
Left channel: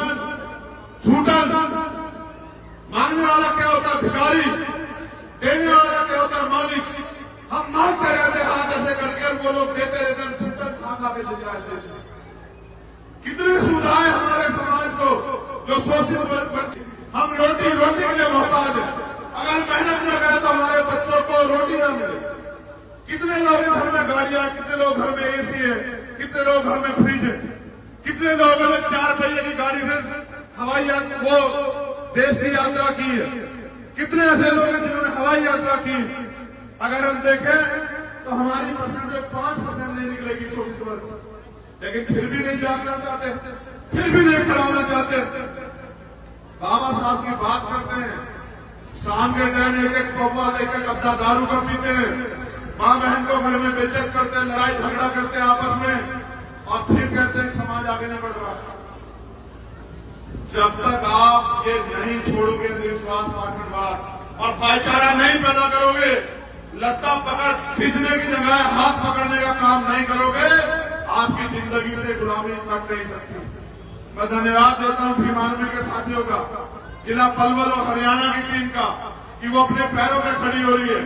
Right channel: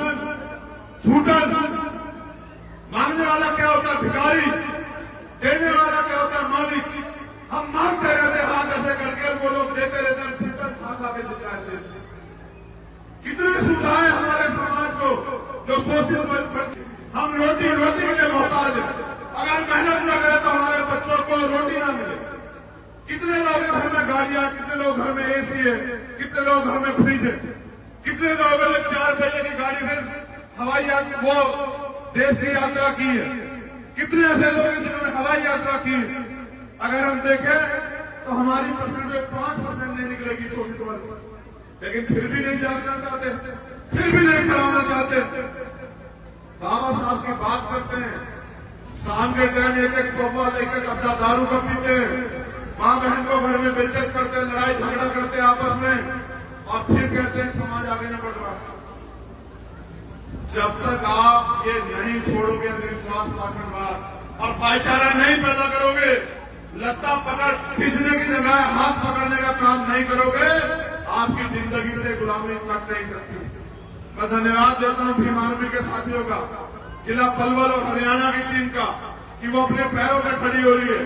मांगने वाला क्या होता है भिखारी, देने वाला क्या होता है मालिक। हम मांगते रहते हाथ ऐसे करके, उनको लोग देते रहते, हम छूटन खा के जिताए देश में। कितनी सुविधाएं हमारे समाज को जो शोषित, हम रोटी के लिए मोहताज है। अगर मेहनत न करें तो हमारे बच्चों को रोटी न मिले। कितने लोग घर में गाड़ियां, कितने लोग घर में एसी है, कितने लोग घर में फ्रिज है, कितने लोगों ने 4 पहिए की गाड़ी से हवाई वो देश की यात्रा की है, कितने ऐसे लोग हैं जिन्होंने हवाई यात्रा की है। अगर हम देखें तो हमारी परसेंटेज 5% नहीं निकलेगी शोषित वर्ग, लेकिन फिर भी नहीं जागना चाहते, फिर भी नहीं खड़ा होना चाहते। बाबा साहब की बात करते हैं, शाम के टाइम एक कौवा, एक अद्दा दारू का पीते हैं, माँ बहन को घर में बेइज्जत करते हैं, लड़ाई झगड़ा करते हैं आपस में, और फिर कहते हैं समाज आगे नहीं बढ़ रहा। जब तक आप ये नहीं छोड़ोगे अंधविश्वास, पार्टीवाद और भाईचारा नहीं पैदा करोगे, लत्ता पकड़ खींचने की जगह हाथ पकड़ने का काम नहीं करोगे, आपकी जिंदगी से गुलामी कट नहीं सकती। मैं धन्यवाद देता हूं भीम आर्मी के साथियों का, जिला पलवल और हरियाणा की टीम का, कि वो अपने पैरों पर खड़ी हो रही है।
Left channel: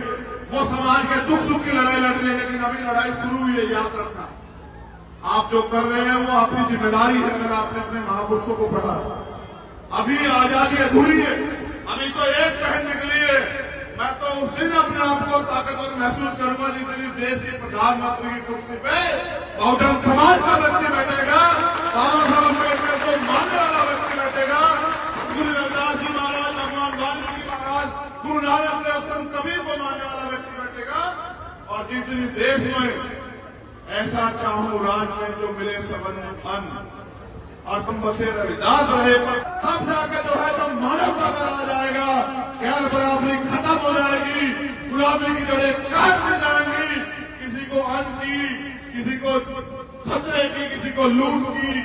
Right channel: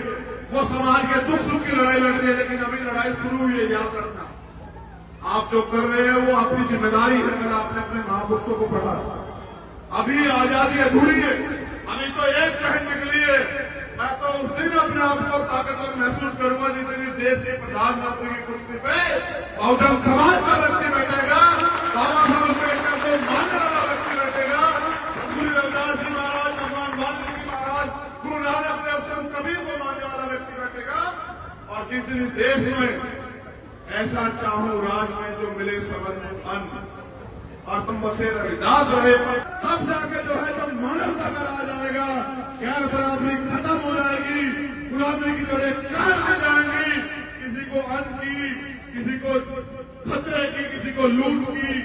वो समाज के दुख सुख की लड़ाई लड़ रही है, लेकिन अभी लड़ाई शुरू हुई है। याद रखना, आप जो कर रहे हैं वो आपकी जिम्मेदारी है। अगर आपने अपने महापुरुषों को पढ़ा, अभी आजादी अधूरी है, अभी तो एक पहल निकली है। मैं तो उस दिन अपने आप को ताकतवर महसूस करूंगा जिस दिन देश के प्रधानमंत्री की कुर्सी पे बहुजन समाज का व्यक्ति बैठेगा, बाबा साहब अम्बेडकर को मानने वाला व्यक्ति बैठेगा, गुरु रविदास जी महाराज, भगवान वाल्मीकि महाराज, गुरु नानक देव, संत कबीर को मानने वाला व्यक्ति बैठेगा। और जिस दिन देश में ऐसा चाहूं राज में जो मिले सबन में अन्न और तुम बसे रविदास रहे, तब जाकर जो है तब मानवता बनाया जाएगा, ज्ञान बराबरी खत्म हो जाएगी, गुलामी की जड़ें काट हो जाएंगी। किसी को अन्न की, किसी को खतरे की, किसी को लूट की,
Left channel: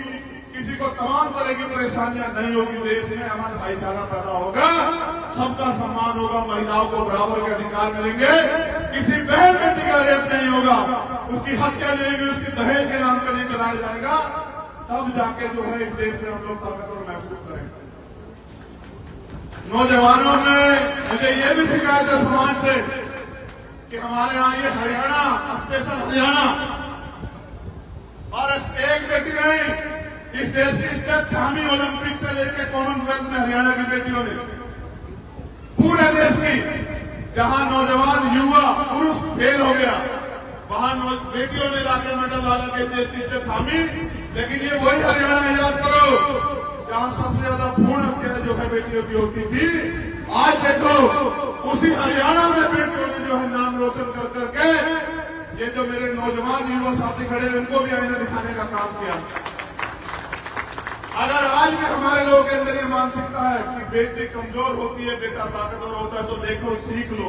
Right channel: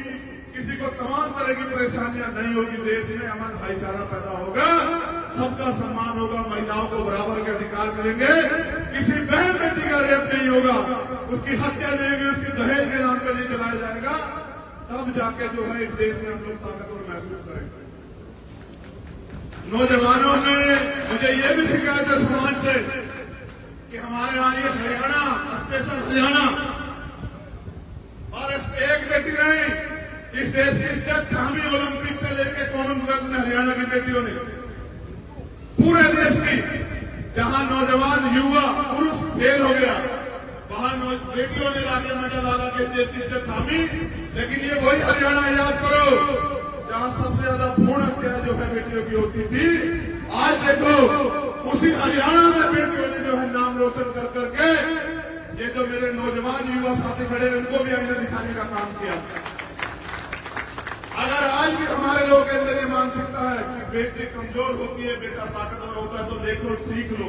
किसी को तमाम तरह की परेशानियां नहीं होगी। देश में अमन भाईचारा पैदा होगा, सबका सम्मान होगा, महिलाओं को बराबर के अधिकार मिलेंगे, किसी बहन बेटी का रेप नहीं होगा, उसकी हत्या नहीं होगी, उसकी दहेज के नाम पर नहीं चलाया जाएगा। तब जाके जो है इस देश में हम लोग ताकतवर महसूस करेंगे। नौजवानों ने मुझे ये भी शिकायत है समाज से कि हमारे यहाँ ये हरियाणा, स्पेशल हरियाणा, और एक बेटी नहीं, इस देश की इज्जत थामी ओलंपिक से लेकर कॉमनवेल्थ में हरियाणा की बेटियों ने, पूरे देश की, जहां नौजवान युवा पुरुष फेल हो गया, वहां बेटियों ने लाके मेडल ला के देश की इज्जत थामी। लेकिन ये वही हरियाणा, याद करो, जहां सबसे ज्यादा भ्रूण हत्या जो है बेटियों की होती थी। आज देखो उसी हरियाणा में बेटियों ने जो है नाम रोशन कर करके, ये जो मेरे नौजवान युवा साथी खड़े हैं उनको भी हमने दिखाने का काम किया। अगर आज भी हमारे लोगों के अंदर ये मानसिकता है कि बेटी कमजोर होती है, बेटा ताकतवर होता है, तो देखो सीख लो।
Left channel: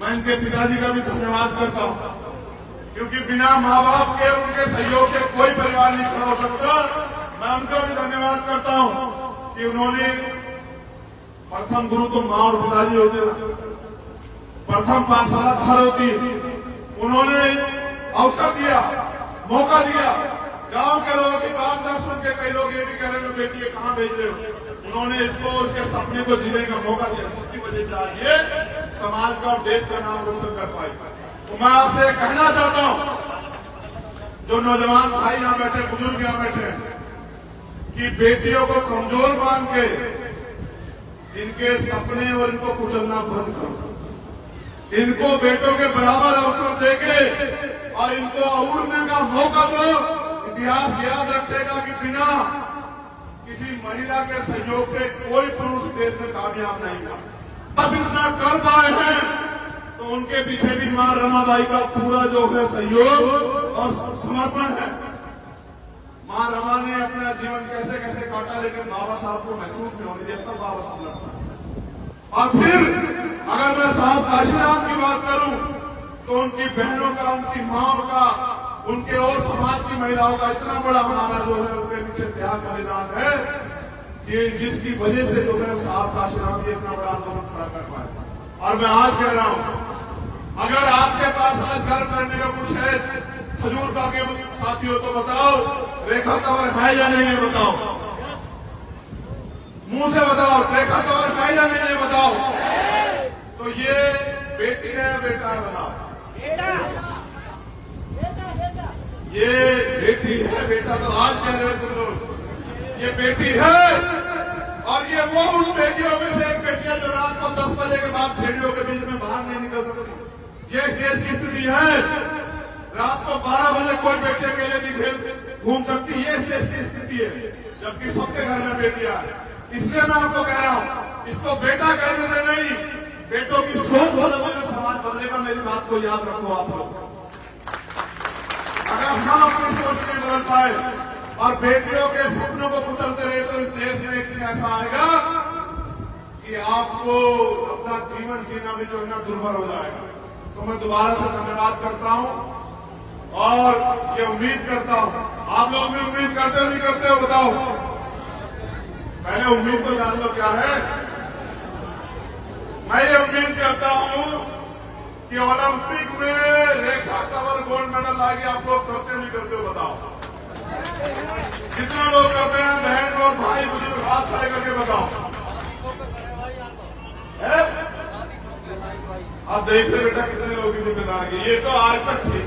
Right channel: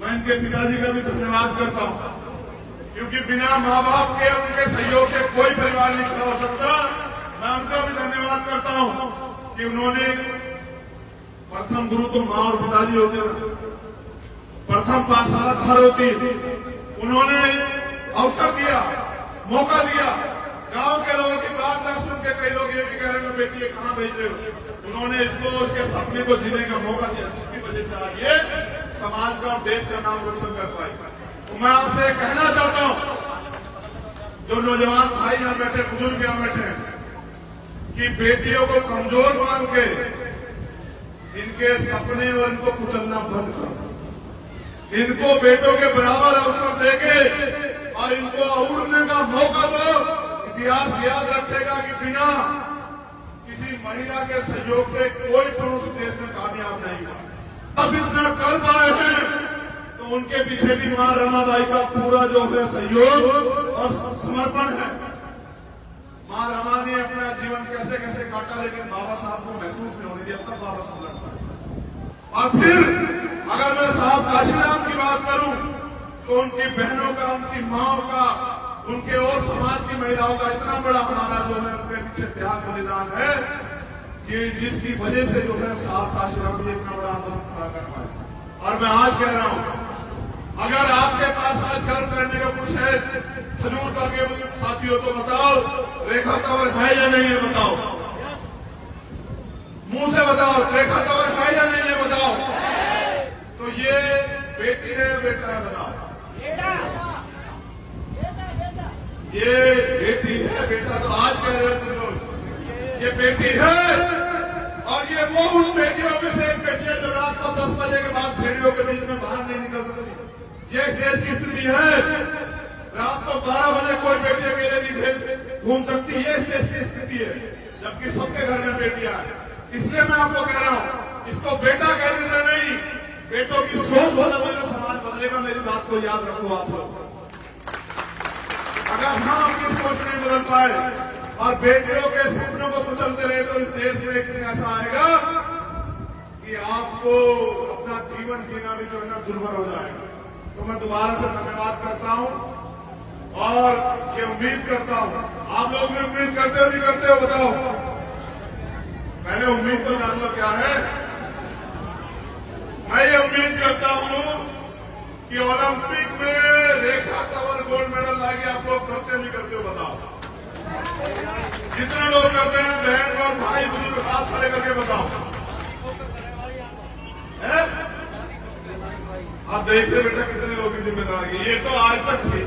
मैं इनके पिताजी का भी धन्यवाद करता हूं, क्योंकि बिना माँ बाप के, उनके सहयोग से कोई परिवार नहीं खड़ा हो सकता। मैं उनका भी धन्यवाद करता हूं कि उन्होंने, प्रथम गुरु तो माँ और पिताजी होते हैं, प्रथम पाठशाला घर होती है, उन्होंने अवसर दिया, मौका दिया। गांव के लोगों की बात ना सुन के कई लोग ये भी कह रहे हैं बेटी ये कहां भेज रहे हो, उन्होंने इसको, उसके सपने को जीने का मौका दिया, जिसकी वजह से आज ये समाज का और देश का नाम रोशन कर पाए। तो मैं आपसे कहना चाहता हूं, जो नौजवान भाई यहां बैठे, बुजुर्ग यहां बैठे हैं, कि बेटियों को कमजोर मान के इनके सपने और इनको कुचलना बंद करो। इनको बेटों के बराबर अवसर देके और इनको उड़ने का मौका दो। इतिहास याद रखेगा कि बिना किसी महिला के सहयोग के कोई पुरुष देश में कामयाब नहीं हुआ। अब इतना कर पाए हैं तो उनके पीछे भी मां रमाबाई का पूरा जो है सहयोग और समर्पण है। मां रमा ने अपना जीवन कैसे कैसे काटा, लेकिन बाबा साहब को महसूस नहीं होने दिया, तब बाबा साहब लड़ता है। और फिर अगर मैं साहब काशीराम की बात करूं तो उनकी बहनों का, उनकी माओ का, उनके और समाज की महिलाओं का इतना बड़ा हमारा जो है उनके पीछे त्याग बलिदान है कि जिसकी वजह से जो है साहब काशीराम जी इतना बड़ा आंदोलन खड़ा कर पाए। और मैं आज कह रहा हूं, अगर आपके पास आज गर्व करने का कुछ है खजूरता के साथियों, तो बताओ रेखा कंवर है या नहीं है, बताओ, मुंह से बताओ, रेखा कंवर है या नहीं है, बताओ। तो ये बेटी है, बेटा है, बताओ। ये बेटी है, बेटा तो आज कह रहे हो तुम लोग, ये बेटी है। और ये वो उन बेटियों में से एक बेटी है जो रात को 10 बजे के बाद भेड़ियों के बीच में बाहर नहीं निकल सकती। ये देश की स्थिति है। रात को 12 बजे कोई बेटे मेले नहीं घूम सकती, ये देश की स्थिति है, जबकि सबके घर में बेटियां हैं। इसलिए मैं आपको कह रहा हूं, इसको बेटा कहने से नहीं, बेटों की सोच बदलेगा, समाज बदलेगा। मेरी बात को याद रखो आप लोग। अगर हम अपनी सोच नहीं बदल पाए और बेटियों के सपनों को कुचलते रहे तो इस देश में एक दिन ऐसा आएगा कि आपको अपना जीवन जीना भी जो है ना दुर्भर हो जाएगा। तो मैं दोबारा से धन्यवाद करता हूं और ये उम्मीद करता हूं, आप लोग भी उम्मीद करते हो नहीं करते हो, बताओ। पहले उम्मीद तो जान लो क्या है। मैं ये उम्मीद करता हूं कि ओलंपिक में रेखा कंवर गोल्ड मेडल लाएगी। आप लोग करते नहीं करते हो, बताओ। जितने लोग करते हैं, बहन और भाई बुजुर्ग, हाथ खड़े करके बताओ। है? आप देखते बेटा कितने लोगों की जिम्मेदारी। ये तो आज तक थी।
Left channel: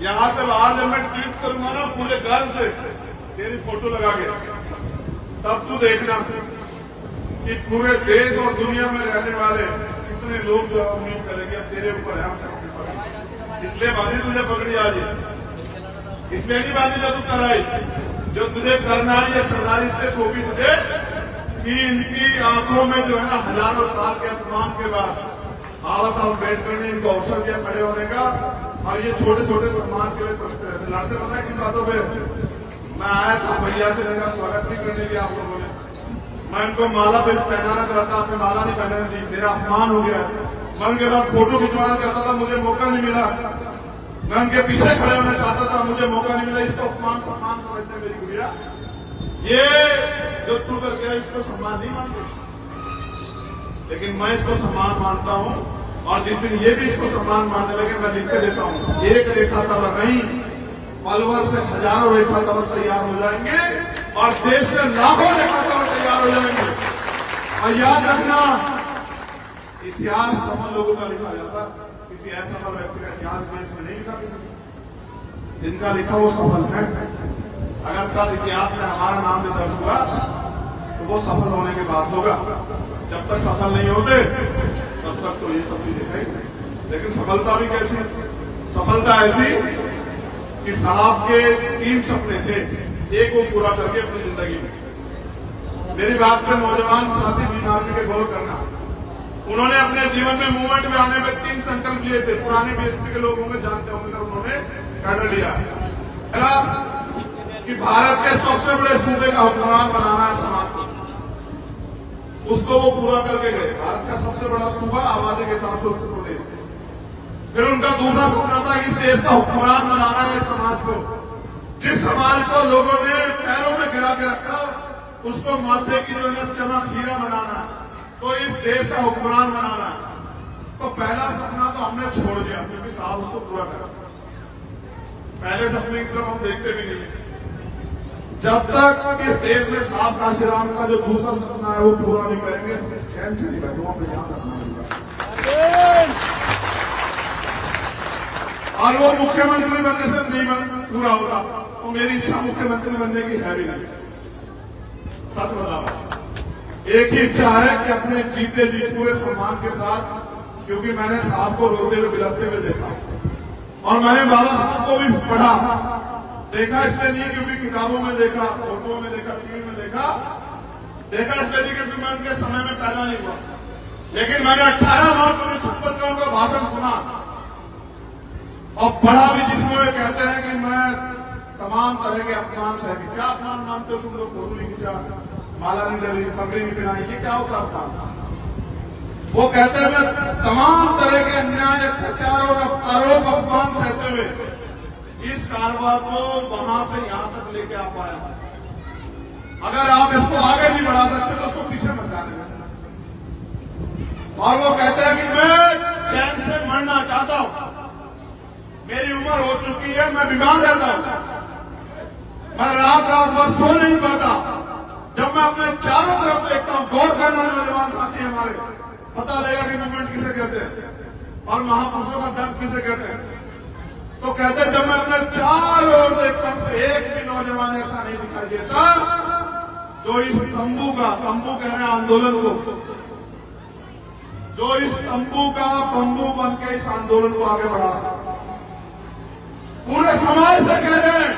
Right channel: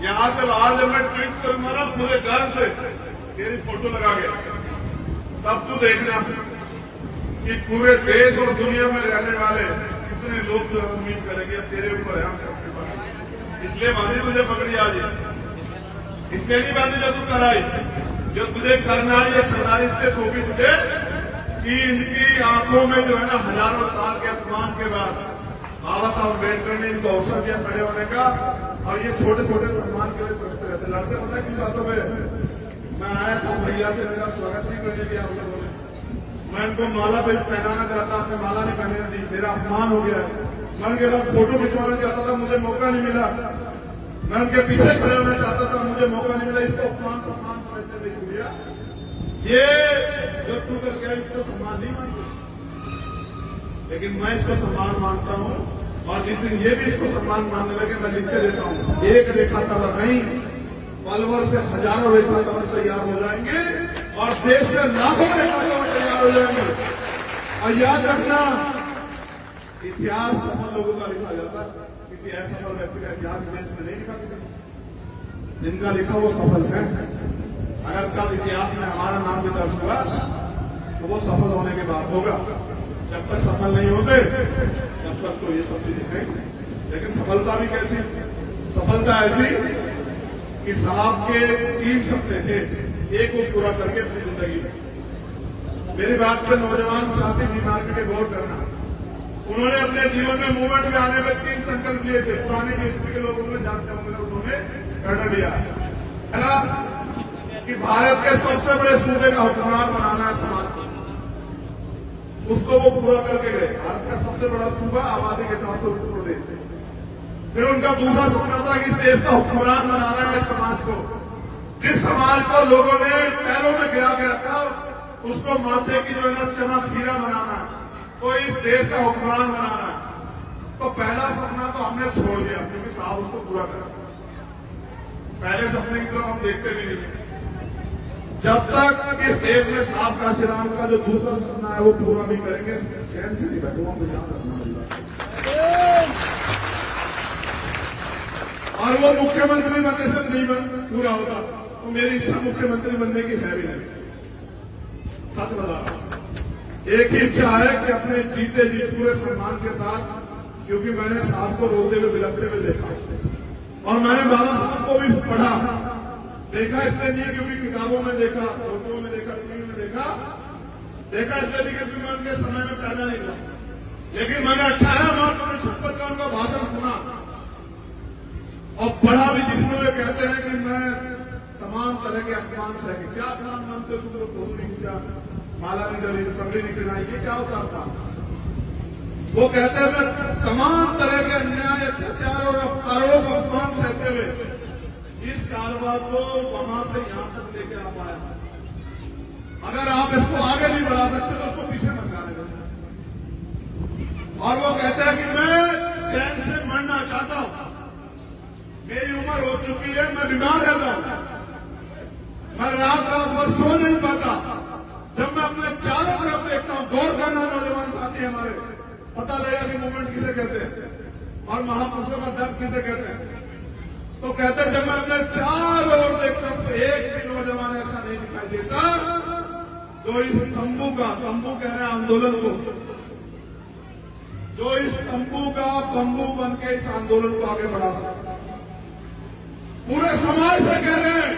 यहां से बाहर जब मैं ट्वीट करूंगा ना पूरे घर से तेरी फोटो लगा के, तब तू देखना कि पूरे देश और दुनिया में रहने वाले कितने लोग जो उम्मीद करेंगे अब तेरे ऊपर है, हम सबके ऊपर। इसलिए बांधी तुझे पकड़ी आज, इसलिए नहीं बांधी जो तू कराई, जो तुझे करना है ये सरदारी इसलिए सौंपी तुझे कि इनकी आंखों में जो है ना हजारों साल के अपमान के बाद बाबा साहब अम्बेडकर ने इनको अवसर दिया खड़े होने का। और ये छोटे छोटे सम्मान के लिए प्रश्न रहते लड़ते, पता है किन बातों में। मैं आया था भैया से, मेरा स्वागत भी करने के आप लोगों ने, मैं इनको माला पे पहनाना चाहता, आपने माला नहीं पहनाने दी, मेरा अपमान हो गया। मैं उनके बाद फोटो खिंचवाना चाहता था, मुझे मौका नहीं मिला। मैं उनके पीछे खड़े होना चाहता था, मुझे मौका नहीं मिला। इसको अपमान सम्मान समझते मेरी गुड़िया, ये जो तू कर गया इसको सम्मान नहीं मानते, लेकिन मैं इसको सम्मान मानता हूं। और जिस दिन ये भी इसको सम्मान मानने लगे, मैं लिख के देता हूं, एक रेखा कंवर नहीं, पलवर से हजारों रेखा कंवर तैयार हो जाएंगे और देश से लाखों रेखा कंवर तैयार हो जाएंगे। और याद रखना, इतिहास सफल लोगों का लिखा जाता, किसी असफल व्यक्ति का इतिहास देश में नहीं लिखा किसी ने। जिनका लिखा वो सफल है। अगर कल इतिहास में हमारा नाम भी दर्ज हुआ तो वो सफल होने के बाद होगा। जब तक सफल नहीं होते तब तक तो ये सब चीजें हैं। लेकिन सफलता भी कैसी? सफलता ऐसी कि साहब के 3 सपने थे, एक वो पूरा करके अपनी जिंदगी में। मेरी बात पे नौजवान साथी बीमारी के गौर करना। उन्होंने अपने जीवन में मूवमेंट में आने में 3 संकल्प लिए थे। पुराने बीएसपी के लोगों में जानते होंगे, उन्होंने कैडर लिया कि भारत के सबसे बड़े सूबे का हुक्मरान बनाना है समाज को। उसको वो पूरा करके गए। भारत का सबसे बड़ा सूबा आबादी के हिसाब से उत्तर प्रदेश है। फिर उनका दूसरा सपना था कि इस देश का हुक्मरान बनाना है समाज को। जिस समाज को लोगों ने पैरों में गिरा के रखा उसको माथे की जो है चमक हीरा बनाना है, तो इस देश का हुक्मरान बनाना है। तो पहला सपना तो हमने छोड़ दिया क्योंकि साहब उसको पूरा करा। पहले सपने की तरफ हम देखते भी नहीं। जब तक इस देश में साहब काशीराम का जो दूसरा सपना है वो पूरा नहीं करेंगे, चैन से नहीं बैठो हम ध्यान रखना। और वो मुख्यमंत्री बनने से नहीं पूरा होता, तो मेरी इच्छा मुख्यमंत्री बनने की है भी नहीं। सच बता रहा, एक ही इच्छा है कि अपने जीते जी पूरे सम्मान के साथ, क्योंकि मैंने साहब को रोते हुए बिलखते हुए देखा और मैंने बाबा साहब को भी पढ़ा देखा। इसलिए नहीं क्योंकि किताबों में देखा, फोटो में देखा, टीवी में देखा इसलिए नहीं क्योंकि मैं उनके समय में पैदा नहीं हुआ। लेकिन मैंने 18 मार्च 1956 का उनका भाषण सुना और पढ़ा भी, जिसमें वे कहते हैं कि मैं तमाम तरह के अपमान सह के। क्या अपमान मानते हो तुम लोग? फोटो नहीं खींचा, माला नहीं डरी, पगड़ी नहीं पिराई, ये क्या होता था? वो कहते हैं मैं तमाम तरह के अन्याय, अत्याचार और आरोप अपमान सहते हुए इस कारवां को वहां से यहां तक लेके आ पाया। अगर आप इसको आगे नहीं बढ़ा सकते तो उसको पीछे मत जाने दें। और वो कहते हैं कि मैं चैन से मरना चाहता हूं, मेरी उम्र हो चुकी है, मैं बीमार रहता हूं, मैं रात भर सो नहीं पाता। जब मैं अपने चारों तरफ देखता हूं, गौर करना नौजवान साथी हमारे, पता लगेगा कि मूवमेंट किसे कहते हैं और महापुरुषों का दर्द किसे कहते हैं। तो कहते हैं जब मैं अपने चारों ओर देखता हूं तो एक भी नौजवान ऐसा नहीं दिखाई देता जो इस तंबू कह रहे हैं आंदोलन को, जो इस तंबू का बंबू बन के इस आंदोलन को आगे बढ़ा सकता। पूरे समाज से कह रहे हैं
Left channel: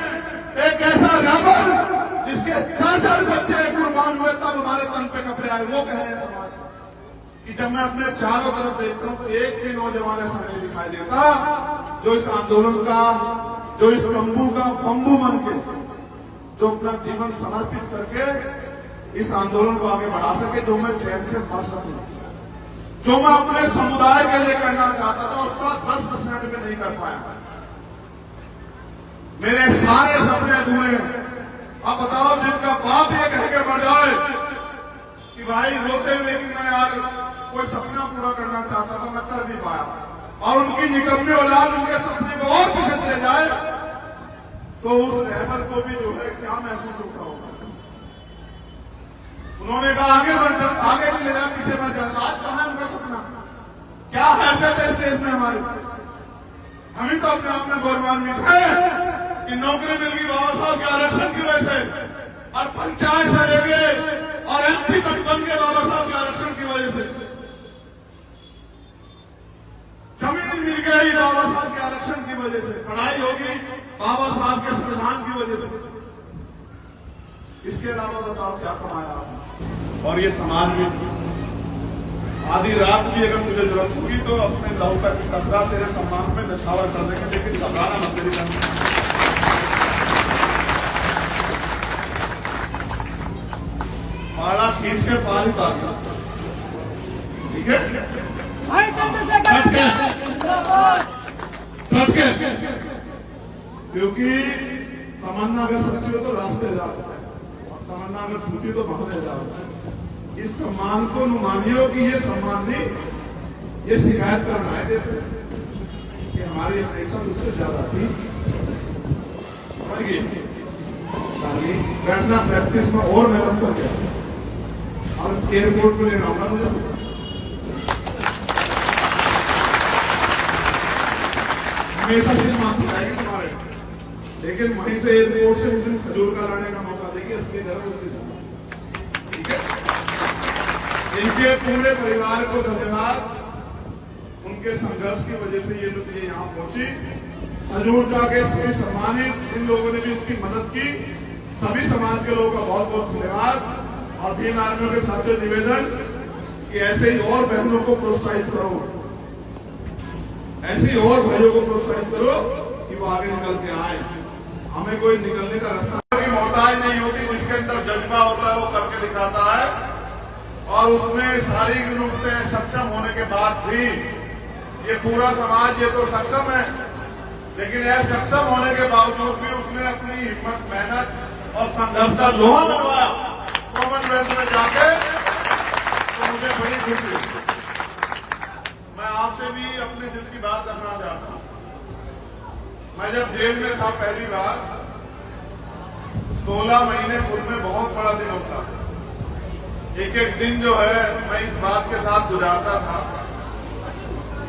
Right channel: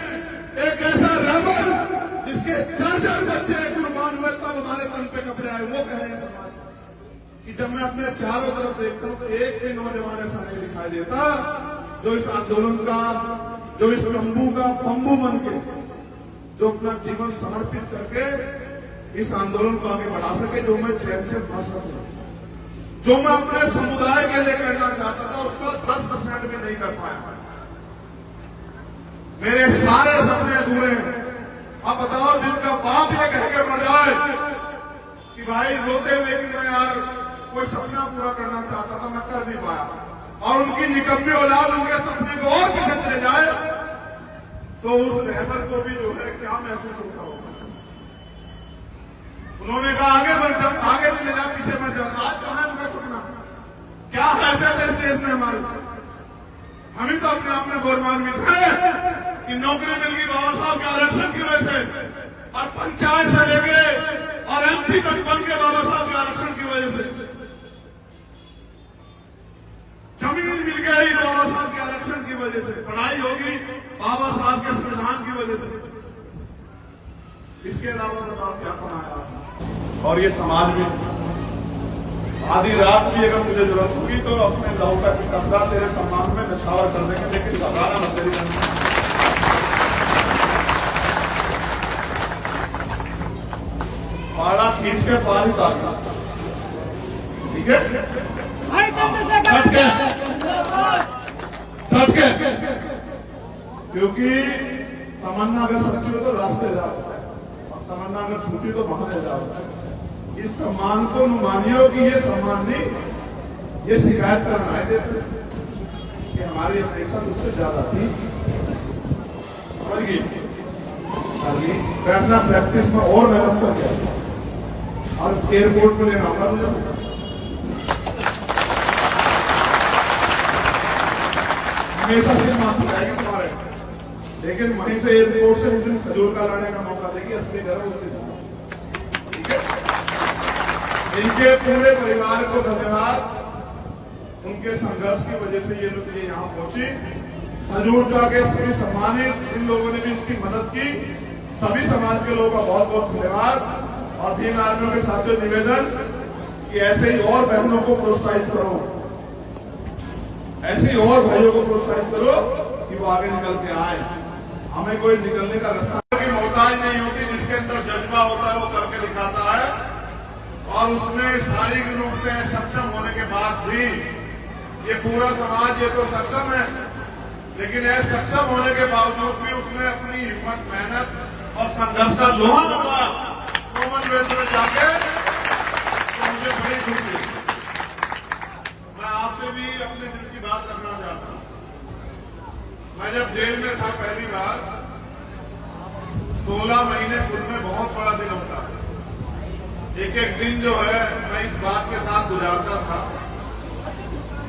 एक ऐसा रेबल जिसके 4 बच्चे कुर्बान हुए तब हमारे तन पे कपड़े आए, वो कह रहे हैं समाज कि जब मैं अपने चारों तरफ देखता हूं तो एक भी नौजवान ऐसा नहीं दिखाई देता जो इस आंदोलन का, जो इस तंबू का बंबू बन के, जो अपना जीवन समर्पित करके इस आंदोलन को आगे बढ़ा सके, जो मैं चैन से फंस सके, जो मैं अपने समुदाय के लिए करना चाहता था उसका 10% भी नहीं कर पाया। मेरे सारे सपने अधूरे हैं। अब बताओ, जिनका बाप ये कह के मर जाए कि भाई रोते हुए कि मैं यार कोई सपना पूरा करना चाहता था, मैं कर नहीं पाया, और उनकी निकम्मी औलाद उनके सपने को और पीछे चले जाए, तो उस रहबर को भी जो है क्या महसूस होता होगा। उन्होंने कहा आगे नहीं ले जा, पीछे मैं चलता। आज कहां उनका सपना? क्या हैसियत है इस देश में हमारी? हम ही तो अपने आप में गौरवान्वित है कि नौकरी मिल गई बाबा साहब के आरक्षण की वजह से, और पंचायत से लेके और एमपी तक बन गए बाबा साहब के आरक्षण की वजह से। जमीन मिल गई बाबा साहब के आरक्षण की वजह से, पढ़ाई होगी बाबा साहब के संविधान की वजह से। इसके अलावा बताओ क्या कमाया आपने? और ये समाज में आधी रात भी अगर मुझे जरूरत होगी तो अपने लहू का कपड़ा तेरे सम्मान में नछावर कर देंगे, लेकिन घबराना मत तेरी पाला खींच के पार ही उतार, ठीक है? क्योंकि तमन्ना अगर सच्ची हो तो रास्ते जाओ, और तमन्ना अगर झूठी तो बहाने जाओ। इस सम्मान को मानियो कि ये सम्मान नहीं, ये शिकायत करना है कि हमारी अपेक्षा उससे ज्यादा थी। समझिए, बैठना प्रैक्टिस में और मेहनत कर गया और एयरपोर्ट पे लेना होगा मुझे। हमेशा सिर माफी जाएगी तुम्हारे, लेकिन वहीं से एयरपोर्ट से उस दिन खजूर का लाने का मौका देगी, असली गर्व उस दिन। ठीक है, इनके पूरे परिवार को धन्यवाद, उनके संघर्ष की वजह से ये लोग यहाँ पहुंची। खजूर का के सभी सम्मानित इन लोगों ने भी इसकी मदद की, सभी समाज के लोगों का बहुत बहुत धन्यवाद। और भीम आर्मियों के साथ निवेदन कि ऐसे ही और बहनों को प्रोत्साहित करो, ऐसे ही और भाइयों को प्रोत्साहित करो कि वो आगे निकल के आए। हमें कोई निकलने का रास्ता की मोहताज नहीं होती, जिसके अंदर जज्बा होता है वो करके दिखाता है। और उसमें शारीरिक रूप से सक्षम होने के बाद भी ये पूरा समाज ये तो सक्षम है, लेकिन यह सक्षम होने के बावजूद भी उसने अपनी हिम्मत, मेहनत और संघर्ष का लोहा मनवाया कॉमनवेल्थ में जाके, तो मुझे बड़ी खुशी। मैं आपसे भी अपने दिल की बात रखना चाहता हूं। मैं जब जेल में था पहली बार, 16 महीने पूर्व में बहुत बड़ा दिन होता है। एक एक दिन जो है मैं इस बात के साथ गुजारता था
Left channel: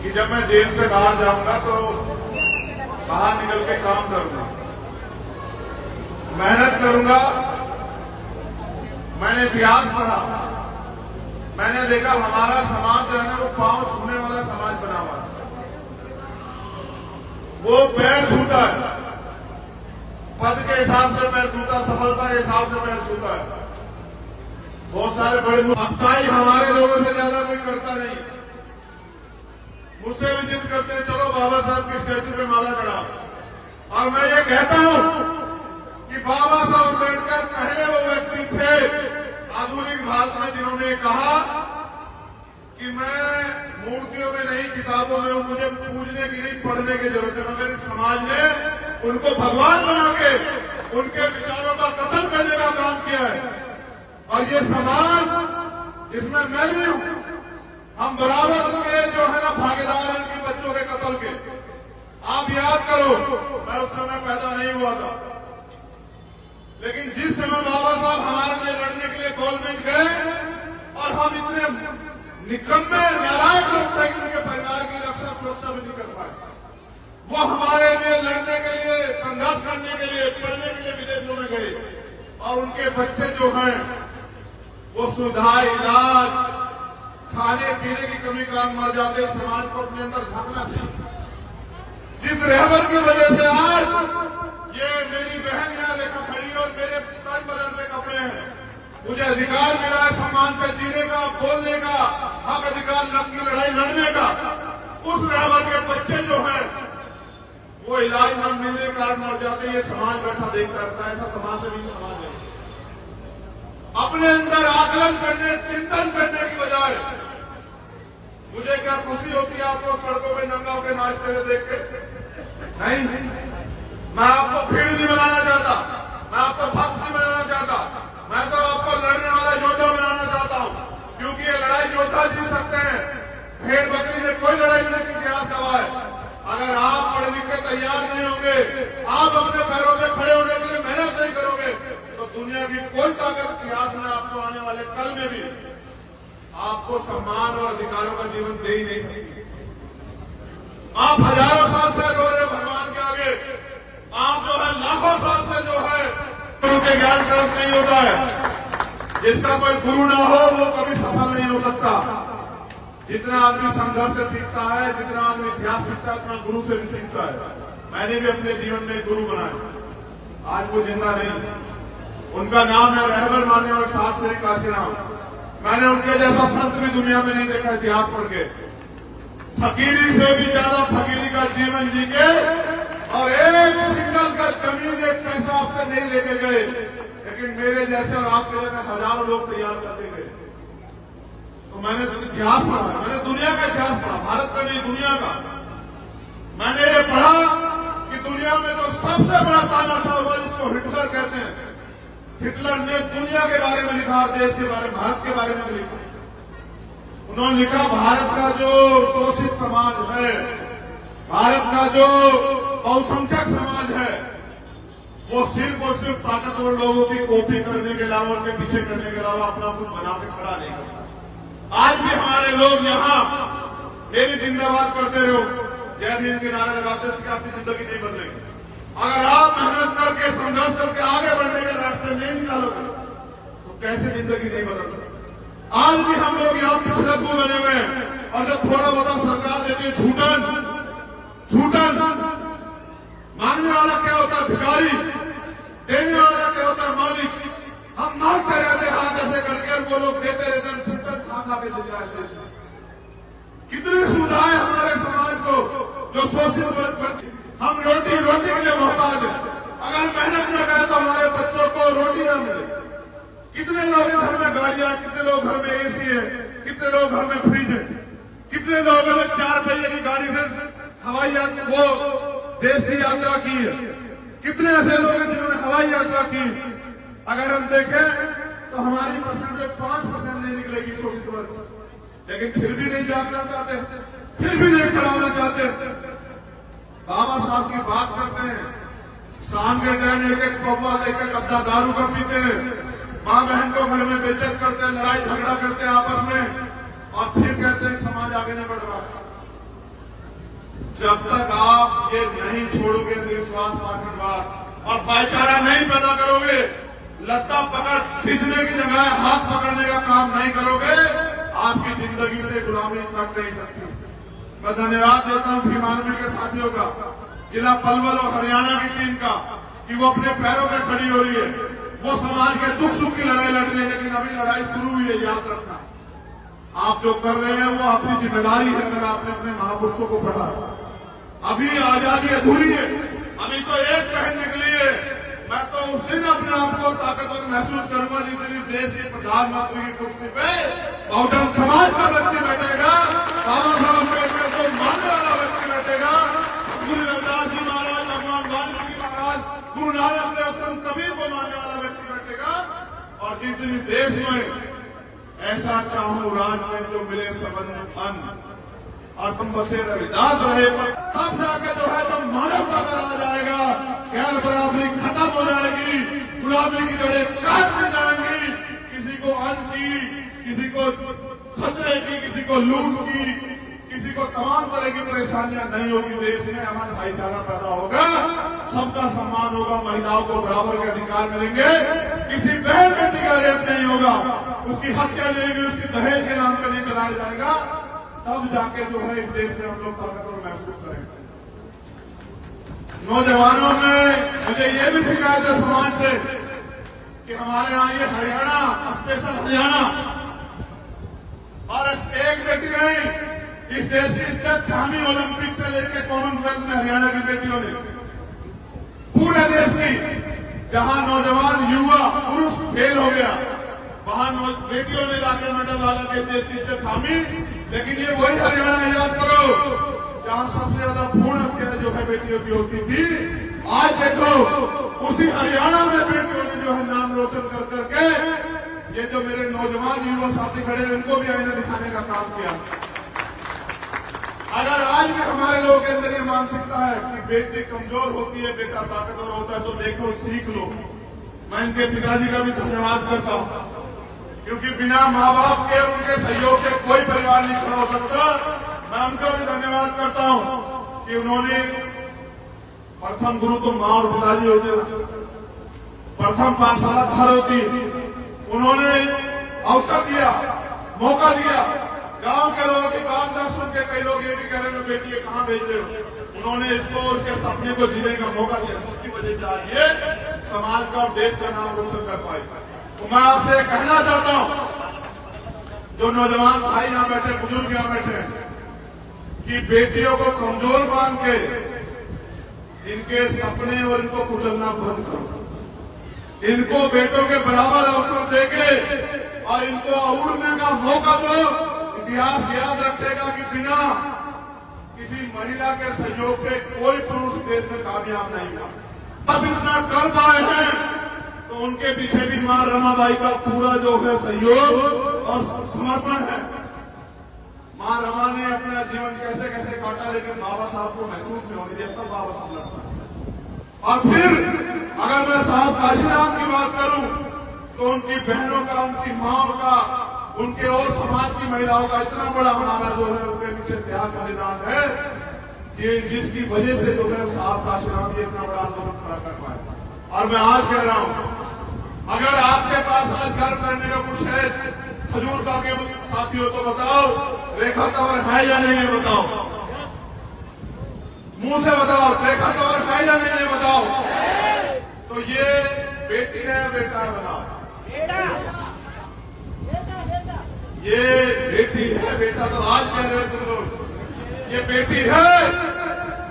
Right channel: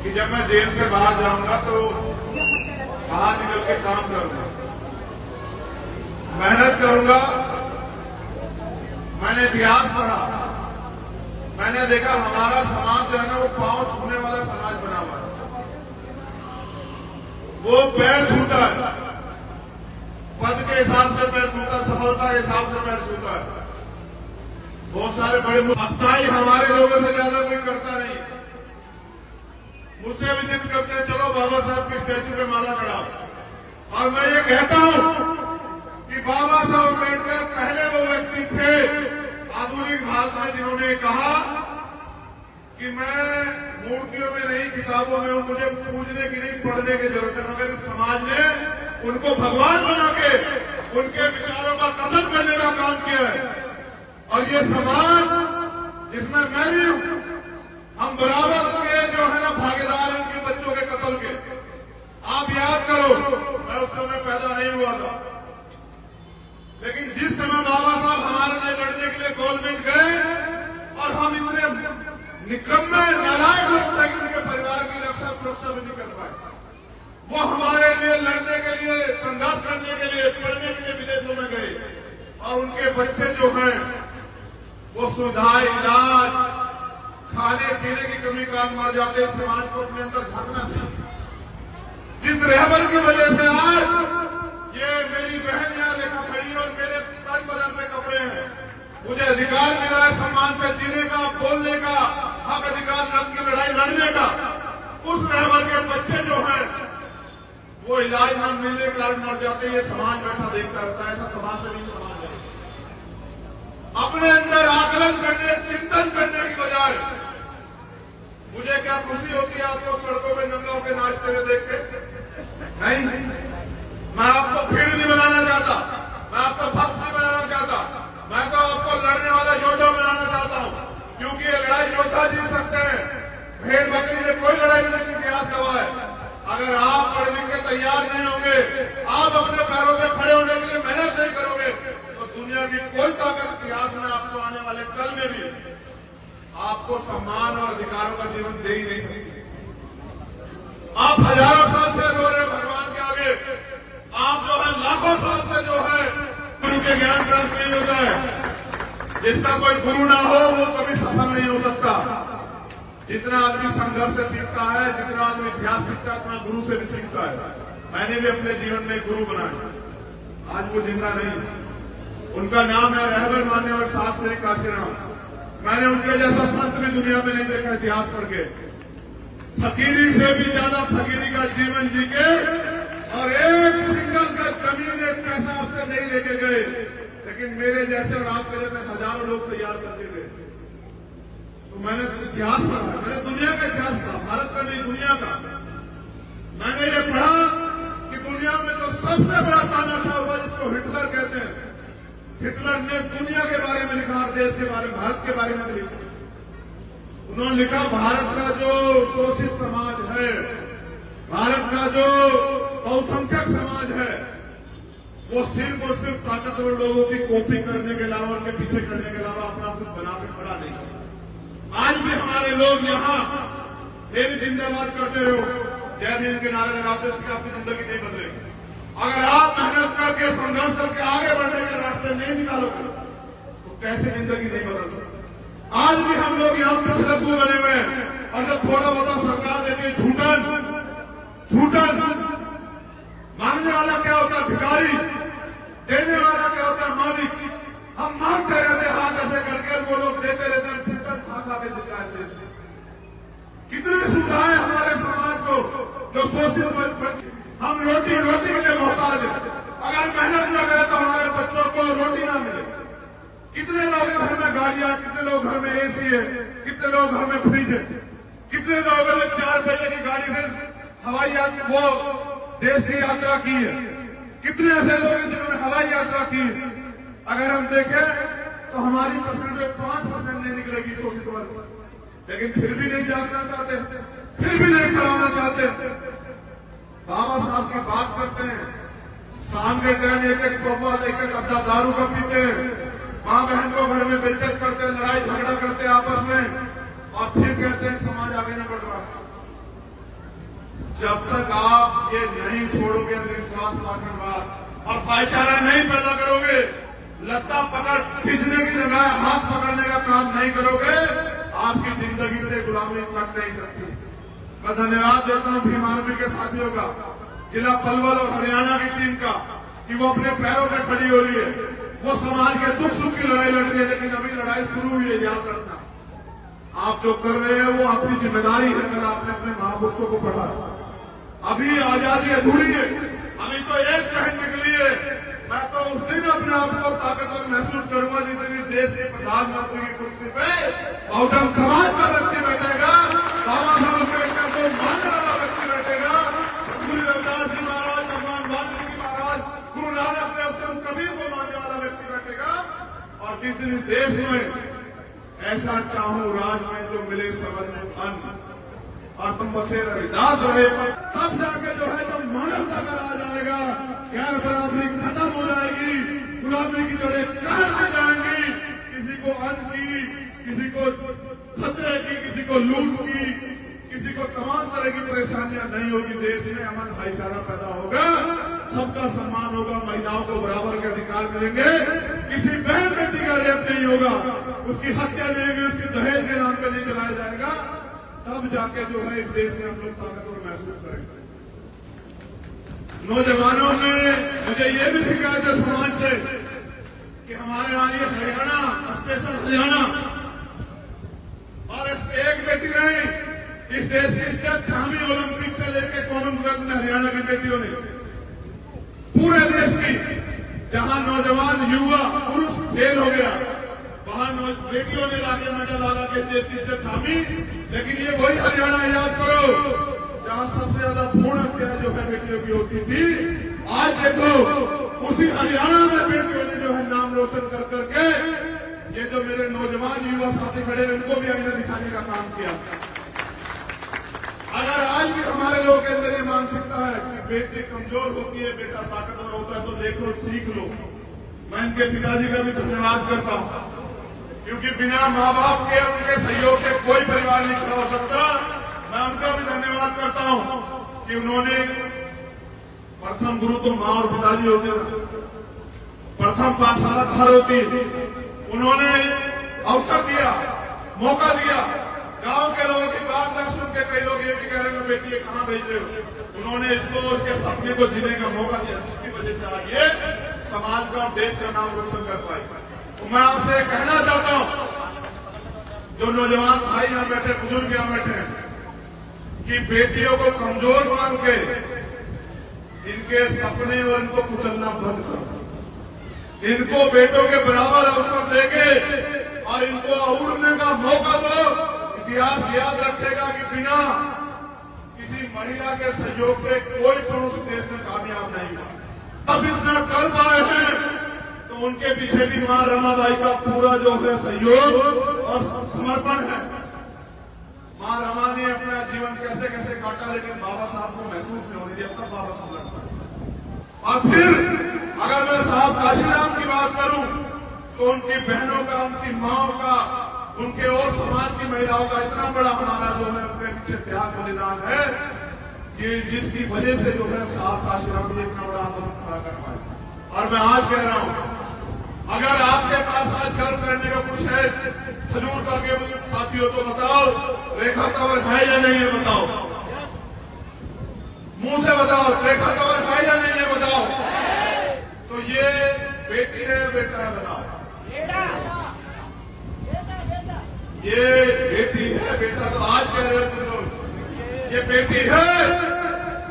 कि जब मैं जेल से बाहर जाऊंगा तो बाहर निकल के काम करूंगा, मेहनत करूंगा। मैंने इतिहास पढ़ा, मैंने देखा हमारा समाज जो है ना वो पांव छूने वाला समाज बना हुआ है। वो पैर छूता है, पद के हिसाब से पैर छूता, सफलता के हिसाब से पैर छूता है। बहुत सारे बड़े अफ्ताही हमारे लोगों से ज्यादा कोई करता नहीं। मुझसे भी जिद करते हैं चलो बाबा साहब की स्टैचू पे माला चढ़ाओ। और मैं ये कहता हूं कि बाबा साहब अम्बेडकर पहले वो व्यक्ति थे आधुनिक भारत में जिन्होंने कहा कि मैं मूर्तियों में नहीं, किताबों में हूं, मुझे पूजने की नहीं, पढ़ने की जरूरत है। मगर समाज ने उनको भगवान बना के उनके विचारों का कत्ल करने का काम किया है। और ये समाज, इसमें मैं भी हूं, हम बराबर के जो है ना भागीदार हैं इनके बच्चों के कत्ल के। आप याद करो, मैं उस समय पैदा नहीं हुआ था, लेकिन जिस समय बाबा साहब हमारे लिए लड़ने के लिए गोलमेज गए और हम इतने निकम्मे नालायक लोग थे कि उनके परिवार की रक्षा सुरक्षा भी नहीं कर पाए, वो हमारे लिए लड़ने के लिए, संघर्ष करने के लिए, पढ़ने के लिए विदेशों में गए। और उनके बच्चे जो हैं वो सुधार, इलाज, खाने पीने की कमी कारण मर जाते। समाज को अपने अंदर झांकना चाहिए। जिस रहबर की वजह से आज ये मेरी बहन यहाँ रेखा खड़ी है और मेरे तन बदन पे कपड़े हैं, मुझे अधिकार मिला है सम्मान से जीने का, बोलने का, हक अधिकार की लड़ाई लड़ने का। उस रहबर के बच्चे जो हैं वो इलाज न मिलने के कारण मर जाते। ये समाज बैठा देखता रहता है। ऐसा समाज से नहीं समाज है। अपने अंदर आकलन करने, चिंतन करने की बजाय मुझे क्या खुशी होती है आपको सड़कों में नंगा होकर नाचते हुए देख के? नहीं, मैं आपको भीड़ नहीं बनाना चाहता, मैं आपको भक्त नहीं बनाना चाहता, मैं तो आपको लड़ने वाला योद्धा बनाना चाहता हूं। क्योंकि ये लड़ाई योद्धा जीत सकते हैं, भेड़ बकरी ने कोई लड़ाई नहीं इतिहास गवाह है। अगर आप पढ़ लिख के तैयार नहीं होंगे, आप अपने पैरों पर खड़े होने के लिए मेहनत नहीं करोगे, तो दुनिया की कोई ताकत इतिहास में आपको आने वाले कल में भी आपको सम्मान और अधिकारों का जीवन दे ही नहीं सकती। आप हजारों साल से रो रहे भगवान के आगे, आप जो है लाखों साल से जो है गुरु के ज्ञान प्राप्त नहीं होता है। जिसका कोई गुरु ना हो वो कभी सफल नहीं हो सकता। जितना आदमी संघर्ष से सीखता है, जितना आदमी इतिहास सीखता है, उतना गुरु से भी सीखता है। मैंने भी अपने जीवन में गुरु बनाए, आज वो जिंदा नहीं। उनका नाम है रहबर मानने और साथ श्री काशीराम। मैंने उनके जैसा संत भी दुनिया में नहीं देखा इतिहास पढ़ के। फकीरी से भी ज्यादा फकीरी का जीवन जी के और एक सिंगल का जमीन, एक पैसा आपसे नहीं लेके गए, लेकिन मेरे जैसे और आपके जैसे हजारों लोग तैयार करते गए। तो मैंने इतिहास पढ़ा, मैंने दुनिया का इतिहास पढ़ा, भारत का नहीं दुनिया का। मैंने ये पढ़ा कि दुनिया में तो सबसे बड़ा तानाशाह हुआ जिसको हिटलर कहते हैं। हिटलर ने दुनिया के बारे में लिखा और देश के बारे में, भारत के बारे में लिखा। उन्होंने लिखा भारत का जो शोषित समाज है, भारत का जो बहुसंख्यक समाज है, वो सिर्फ और सिर्फ ताकतवर लोगों की कॉपी करने के अलावा, उनके पीछे करने के अलावा अपना कुछ बना के खड़ा नहीं है। आज भी हमारे लोग यहाँ मेरी जिंदाबाद करते रहो, जय हिंद के नारे लगाते उसकी आपकी जिंदगी नहीं बदलेगी। अगर आप मेहनत करके संघर्ष करके आगे बढ़ने के रास्ते नहीं निकालोगे तो कैसे जिंदगी नहीं बदल सकती। आज भी हम लोग यहाँ पिछड़ू बने हुए हैं और जब थोड़ा बहुत सरकार देती है झूठन मांगने वाला क्या होता है भिखारी, देने वाला क्या होता है मालिक। हम मांगते रहते हाथ ऐसे करके वो लोग देते रहते हम सिस्टम खा के सरकार देश में। कितनी सुविधाएं हमारे समाज को जो सोशल हम रोटी के लिए मोहताज है। अगर मेहनत न करें तो हमारे बच्चों को रोटी ना मिले। कितने लोग घर में गाड़ियां, कितने लोग घर में एसी है, कितने लोग घर में फ्रिज है, कितने लोगों ने 4 पहिए की गाड़ी से हवाई यात्रा वो देश की यात्रा की है। कितने ऐसे लोग हैं जिन्होंने हवाई यात्रा की है। अगर हम देखें तो हमारी परसेंटेज 5% नहीं निकलेगी शोषित वर्ग, लेकिन फिर भी नहीं जागना चाहते, फिर भी नहीं खड़ा होना चाहते। बाबा साहब की बात करते हैं, शाम के टाइम एक कौवा एक अद्धा दारू का पीते हैं, माँ बहन को घर में बेइज्जत करते हैं, लड़ाई झगड़ा करते हैं आपस में, और फिर कहते हैं समाज आगे नहीं बढ़ रहा। जब तक आप ये नहीं छोड़ोगे अंधविश्वास पार्टीवाद और भाईचारा नहीं पैदा करोगे, लत्ता पकड़ खींचने की जगह हाथ पकड़ने का काम नहीं करोगे, आपकी जिंदगी से गुलामी कट नहीं सकती। मैं धन्यवाद देता हूं भीमानवी के साथियों का, जिला पलवल और हरियाणा की टीम का, कि वो अपने पैरों पर खड़ी हो रही है। वो समाज के दुख सुख की लड़ाई लड़ रही है, लेकिन अभी लड़ाई शुरू हुई है। याद रखना, आप जो कर रहे हैं वो आपकी जिम्मेदारी है। अगर आपने अपने महापुरुषों को पढ़ा, अभी आजादी अधूरी है, अभी तो एक पहन निकली है। मैं तो उस दिन अपने आप को ताकतवर महसूस करूंगा जिस दिन देश के प्रधानमंत्री की कुर्सी पे बहुजन समाज का व्यक्ति बैठेगा, बाबा साहब अम्बेडकर को मानने वाला व्यक्ति बैठेगा, गुरु रविदास जी महाराज, भगवान वाल्मीकि महाराज, गुरु नानक देव, संत कबीर को मानने वाला व्यक्ति बैठेगा। और जिस दिन देश में ऐसा चाहूं राज में जो मिले सबन अन्न और तुम बसे रविदास रहे, तब जाके जो है तब मानवता बनाया जाएगा, गैर बराबरी खत्म हो जाएगी, गुलामी की जड़ें काट हो जाएंगी। किसी को अन्न की, किसी को खतरे की, किसी को लूट की, किसी को तमाम तरह की परेशानियां नहीं होगी। देश में अमन भाईचारा पैदा होगा, सबका सम्मान होगा, महिलाओं को बराबर के अधिकार मिलेंगे, किसी बहन बेटी का रेप नहीं होगा, उसकी हत्या नहीं होगी, उसकी दहेज के नाम पर नहीं चलाया जाएगा। तब जाके जो है इस देश में हम लोग ताकतवर महसूस करेंगे। नौजवानों ने मुझे ये भी शिकायत है समाज से कि हमारे यहाँ ये हरियाणा, स्पेशल हरियाणा, और एक बेटी नहीं, इस देश की इज्जत छामी ओलंपिक से लेकर कॉमनवेल्थ में हरियाणा की बेटियों ने, पूरे देश की, जहां नौजवान युवा पुरुष फेल हो गया, वहां बेटियों ने लाके मेडल लाला के देश की इज्जत थामी। लेकिन ये वही हरियाणा, याद करो, जहां सबसे ज्यादा भ्रूण हत्या जो है बेटियों की होती थी। आज देखो उसी हरियाणा में बेटियों ने जो है नाम रोशन कर करके, ये जो मेरे नौजवान युवा साथी खड़े हैं उनको भी हमने दिखाने का काम किया। अगर आज भी हमारे लोगों के अंदर ये मानसिकता है कि बेटी कमजोर होती है, बेटा ताकतवर होता है, तो देखो सीख लो। मैं इनके पिताजी का भी धन्यवाद करता हूं, क्योंकि बिना माँ बाप के, उनके सहयोग से कोई परिवार नहीं खड़ा हो सकता। मैं उनका भी धन्यवाद करता हूं कि उन्होंने, प्रथम गुरु तो माँ और पिताजी होते हैं, प्रथम पाठशाला घर होती है, उन्होंने अवसर दिया, मौका दिया। गांव के लोगों की बात न सुन के कई लोग ये भी कह रहे हैं बेटी ये कहां भेज रहे हो, उन्होंने इसको उसके सपने को जीने का मौका दिया, जिसकी वजह से आज ये समाज का और देश का नाम रोशन कर पाए। तो मैं आपसे कहना चाहता हूं, जो नौजवान भाई यहां बैठे, बुजुर्ग यहां बैठे हैं, कि बेटियों को कमजोर मान के इनके सपने और इनको कुचलना बंद करो। इनको बेटों के बराबर अवसर देके और इनको उड़ने का मौका दो। इतिहास याद रखेगा कि बिना किसी महिला के सहयोग के कोई पुरुष देश में कामयाब नहीं हुआ। अब इतना कर पाए हैं तो उनके पीछे भी मां रमाबाई का पूरा जो है सहयोग और समर्पण है। मां रमा ने अपना जीवन कैसे कैसे काटा, लेकिन बाबा साहब को महसूस नहीं होने दिया, तब बाबा साहब लड़ता है। और फिर अगर मैं साहब काशीराम की बात करूं तो उनकी बहनों का, उनकी माओ का, उनके और समाज की महिलाओं का इतना बड़ा हमारा जो है उनके पीछे त्याग बलिदान है कि जिसकी वजह से जो है साफ आश्रम में इतना बड़ा आंदोलन खड़ा कर पाए। और मैं आज कह रहा हूं, अगर आपके पास आज गर्व करने का कुछ है खजूर का के साथियों तो बताओ, रेखा तंवर है या नहीं है बताओ, मुंह से बताओ, रेखा तंवर है या नहीं है बताओ। तो ये बेटी है बेटा है बताओ, ये बेटी है बेटा तो आज कह रहे हो तुम लोग, ये बेटी है।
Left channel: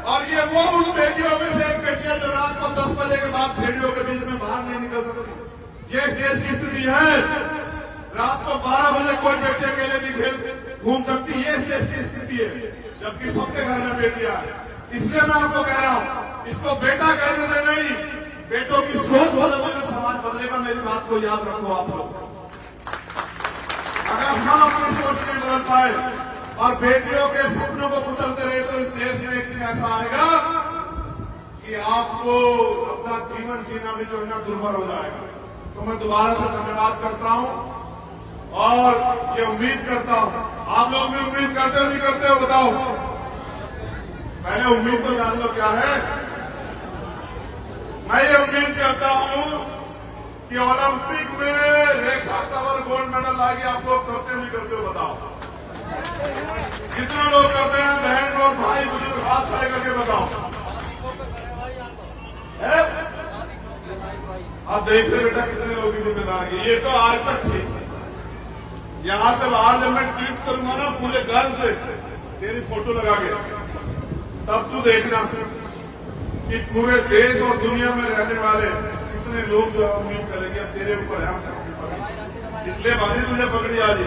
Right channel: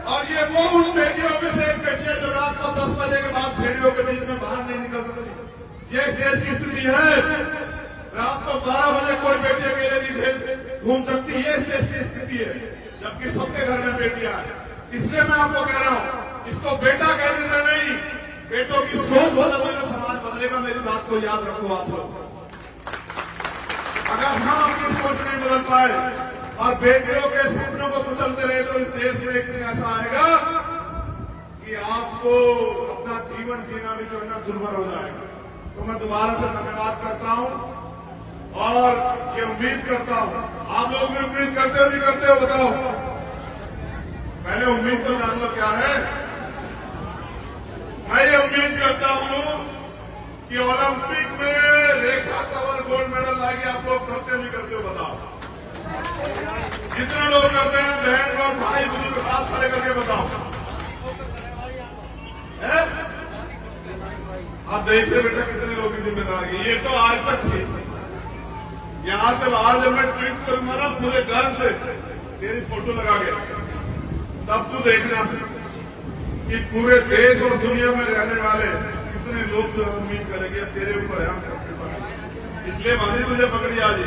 और ये वो उन बेटियों में से एक बेटी है जो रात को 10 बजे के बाद भेड़ियों के बीच में बाहर नहीं निकल सकती। ये देश की स्थिति है, रात को 12 बजे कोई बेटे मेले नहीं घूम सकती, ये देश की स्थिति है, जबकि सबके घर में बेटियां हैं। इसलिए मैं आपको कह रहा हूं, इसको बेटा कहने में नहीं, बेटों की सोच बदलने में समाज बदलेगा। मेरी बात को याद रखो आप लोग। अगर हम अपनी सोच नहीं बदल पाए और बेटियों के सपनों को कुचलते रहे तो इस देश में एक दिन ऐसा आएगा कि आपको अपना जीवन जीना भी जो है ना दुर्भर हो जाएगा। तो मैं दोबारा से धन्यवाद करता हूं और ये उम्मीद करता हूं, आप लोग भी उम्मीद करते हो नहीं करते हो बताओ। पहले उम्मीद तो जान लो क्या है। मैं ये उम्मीद करता हूं कि ओलंपिक में रेखा तंवर गोल्ड मेडल लाएगी। आप लोग करते नहीं करते हो बताओ। जितने लोग करते हैं बहन और भाई बुजुर्ग हाथ खड़े करके बताओ। है? आप देखते बेटा कितने लोग की जिम्मेदारी। ये तो आज तक थी। यहां से बाहर जब मैं ट्वीट करूंगा ना पूरे घर से तेरी फोटो लगा के, तब तू देखना कि पूरे देश और दुनिया में रहने वाले कितने लोग जो उम्मीद करेंगे तेरे ऊपर है, हम सबके ऊपर। इसलिए बांधी तुझे पकड़ी आ रही,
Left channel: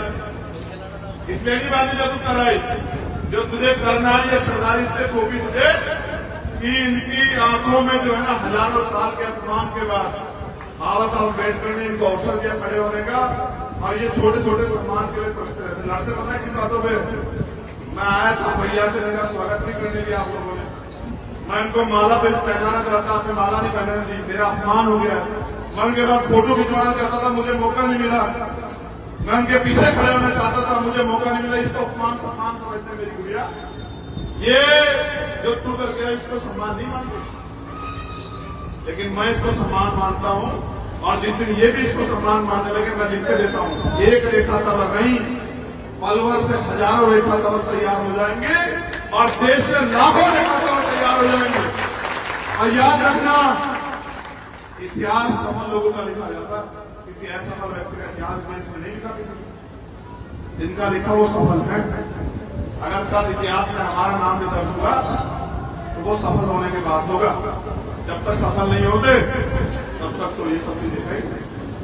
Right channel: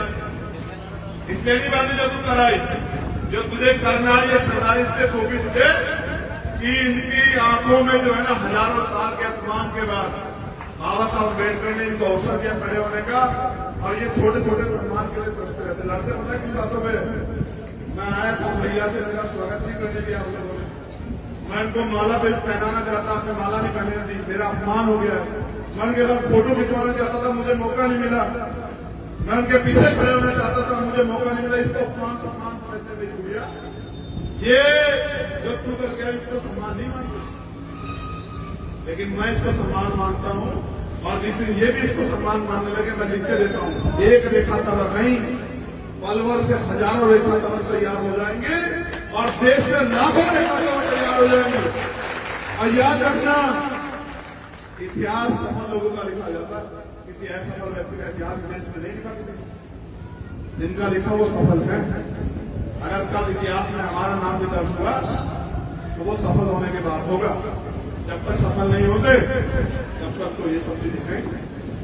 इसलिए नहीं बांधी जो तू कराई, जो तुझे करना है ये सरदारी इसलिए सौंपी तुझे कि इनकी आंखों में जो है ना हजारों साल के अपमान के बाद बाबा साहब अम्बेडकर ने इनको अवसर दिया खड़े होने का। और ये छोटे छोटे सम्मान के लिए प्रश्न रहते लड़ते पता है किन बातों में। मैं आया था भैया से, मेरा स्वागत नहीं करने दिया आप लोगों ने। मैं इनको माला पे पहनाना चाहता, आपने माला नहीं पहनाने दी, मेरा अपमान हो गया। मैं उनके बाद फोटो खिंचवाना चाहता था, मुझे मौका नहीं मिला। मैं उनके पीछे खड़े होना चाहता था, मुझे मौका नहीं मिला। इसको अपमान सम्मान समझते मेरी गुड़िया, ये जो तू कर गया इसको सम्मान नहीं मानते, लेकिन मैं इसको सम्मान मानता हूं। और जिस दिन ये भी इसको सम्मान मानने लगे मैं लिख के देता हूं, एक रेखा तंवर नहीं पलवर से हजारों रेखा तंवर तैयार हो जाएंगे और देश से लाखों रेखा तंवर तैयार हो जाएंगे। और याद रखना, इतिहास सफल लोगों का लिखा जाता, किसी असफल व्यक्ति का इतिहास देश में नहीं लिखा किसी ने। जिनका लिखा वो सफल है। अगर कल इतिहास में हमारा नाम भी दर्ज होगा तो वो सफल होने के बाद होगा। जब तक सफल नहीं होते तब तक तो ये सब चीजें हैं।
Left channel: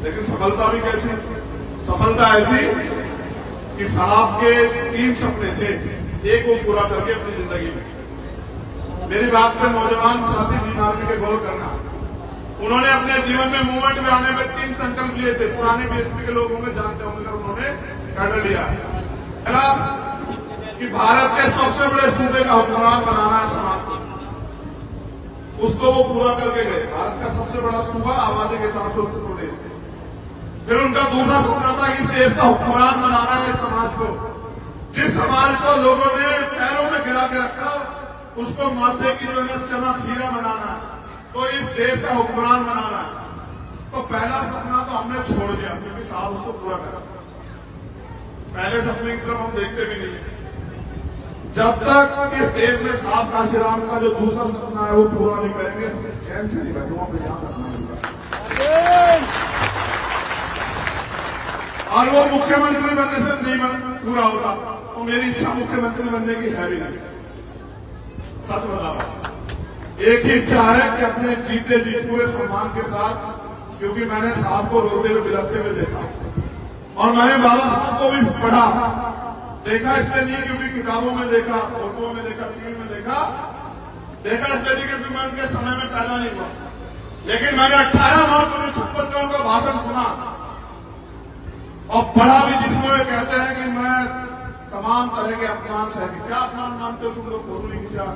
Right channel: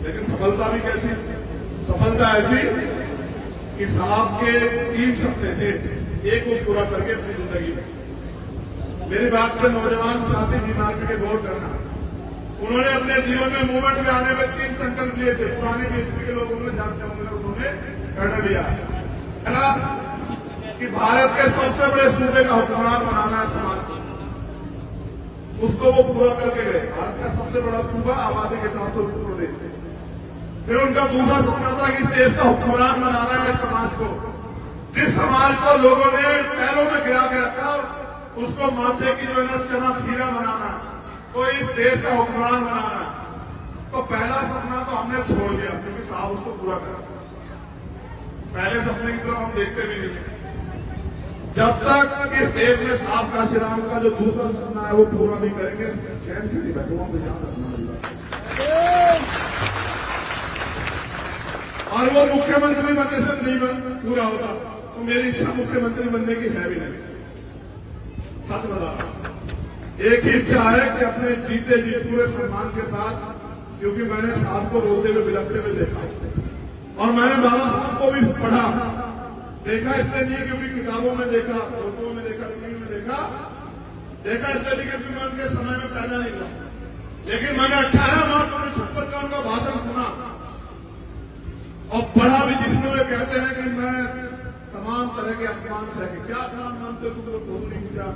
लेकिन सफलता भी कैसी? सफलता ऐसी कि साहब के 3 सपने थे, एक वो पूरा करके अपनी जिंदगी में। मेरी बात पे नौजवान साथी बीमारी के गौर करना। उन्होंने अपने जीवन में मूवमेंट में आने में 3 संकल्प लिए थे। पुराने बीएसपी के लोग होंगे जानते होंगे, उन्होंने कर लिया है कि भारत के सबसे बड़े सूबे का हुक्मरान बनाना है समाज को। उसको वो पूरा करके गए। भारत का सबसे बड़ा सूबा आबादी के हिसाब से उत्तर प्रदेश है। फिर उनका दूसरा सपना था कि इस देश का हुक्मरान बनाना है समाज को। जिस समाज को लोगों ने पैरों में गिरा के रखा उसको माथे की जो है ना चमक हीरा बनाना है, तो इस देश का हुक्मरान बनाना है। तो पहला सपना तो हमने छोड़ दिया क्योंकि साहब उसको पूरा करा। पहले सपने की तरफ हम देखते भी नहीं है। जब तक इस देश में साहब काशीराम का जो दूसरा सपना है वो पूरा नहीं करेंगे, चैन से नहीं बैठो पे ध्यान रखना। और वो मुख्यमंत्री बनने से नहीं पूरा होता, तो मेरी इच्छा मुख्यमंत्री बनने की है भी नहीं। सच बता रहा हूं, एक ही इच्छा है कि अपने जीते जी पूरे सम्मान के साथ, क्योंकि मैंने साहब को रोते हुए बिलखते हुए देखा और मैंने बाबा साहब को भी पढ़ा देखा। इसलिए नहीं क्योंकि किताबों में देखा, फोटो में देखा, टीवी में देखा इसलिए नहीं क्योंकि मैं उनके समय में पैदा नहीं हुआ। लेकिन मैंने 18 मार्च 1956 का उनका भाषण सुना और पढ़ा भी, जिसमें वे कहते हैं कि मैं तमाम तरह के अपमान सह के। क्या अपमान मानते हो तुम लोग? फोटो नहीं खींचा,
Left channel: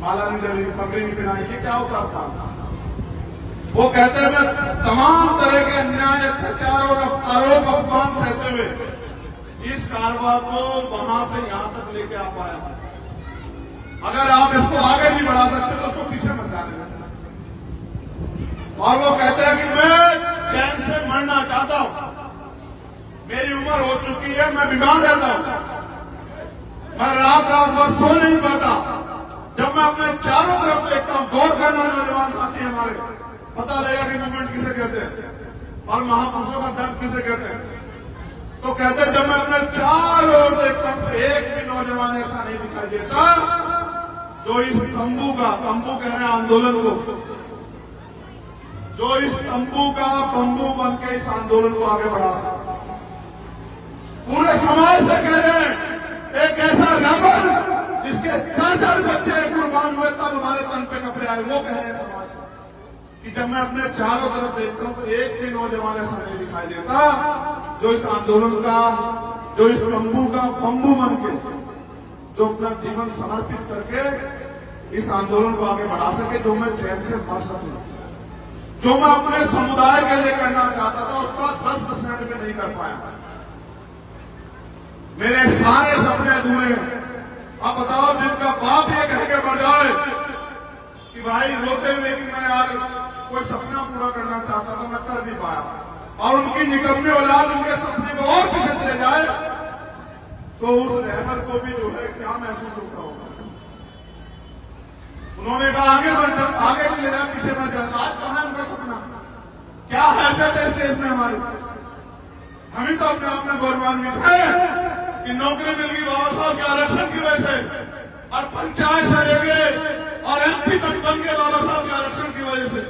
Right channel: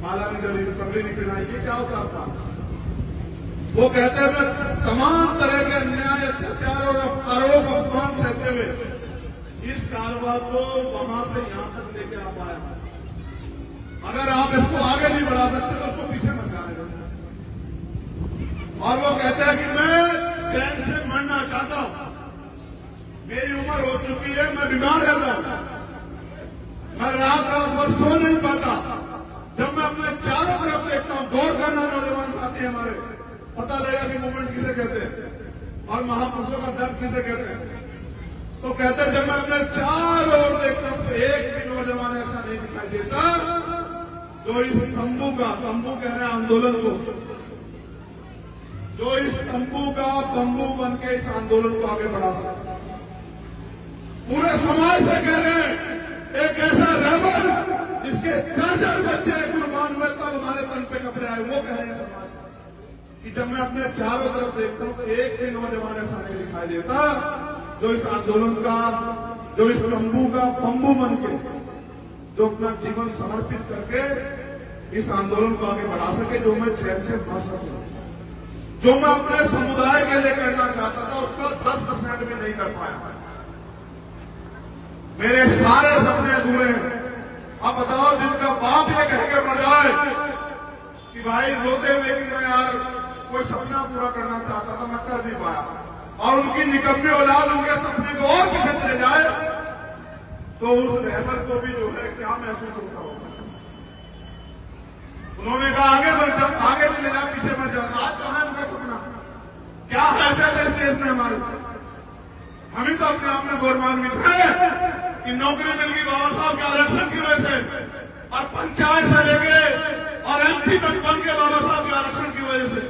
माला नहीं डरी, पगड़ी नहीं पिनाई, ये क्या होता था? वो कहते हैं मैं तमाम तरह के अन्याय, अत्याचार और आरोप अपमान सहते हुए इस कारवां को वहां से यहां तक लेके आ पाया। अगर आप इसको मैं बीमार रहता हूं, मैं रात भर सो नहीं पाता। जब मैं अपने चारों तरफ देखता हूं, गौर करना नौजवान साथी हमारे, पता लगेगा कि मूवमेंट किसे कहते हैं और महापुरुषों का दर्द किसे कहते हैं। तो कहते हैं जब मैं अपने चारों ओर देखता हूं तो एक भी नौजवान ऐसा नहीं दिखाई देता जो इस तंबू कह रहे हैं आंदोलन को, जो इस तंबू का बंबू बन के इस आंदोलन को आगे बढ़ा सकता। पूरे समाज से कह रहे हैं एक ऐसा रेबल जिसके 4 बच्चे कुर्बान हुए तब हमारे तन पे कपड़े आए, वो कह रहे हैं समाज कि जब मैं अपने चारों तरफ देखता हूं तो एक भी नौजवान ऐसा नहीं दिखाई देता जो इस आंदोलन का, जो इस तंबू का बंबू बन के, जो अपना जीवन समर्पित करके इस आंदोलन को आगे बढ़ा सके, जो मैं चैन से भर सके, जो मैं अपने समुदाय के लिए करना चाहता था उसका 10% में नहीं कर पाया। मेरे सारे सपने अधूरे हैं। अब बताओ जिनका बाप ये कह के बढ़ जाए कि भाई रोते हुए कि मैं यार कोई सपना पूरा करना चाहता था, मैं कर नहीं पाया, और उनकी निकम्मी औलाद उनके सपने को और पीछे चले जाए, तो उस रहबर को भी जो है क्या महसूस होता होगा। उन्होंने कहा आगे नहीं लेना, पीछे मैं चलता। आज कहां है उनका सपना? क्या हैसियत है इस देश में हमारी? हम ही तो अपने आप में गौरवान्वित है कि नौकरी मिल गई बाबा साहब के आरक्षण की वजह से, और पंचायत से लेके और एमपी तक बन के बाबा साहब के आरक्षण की वजह से,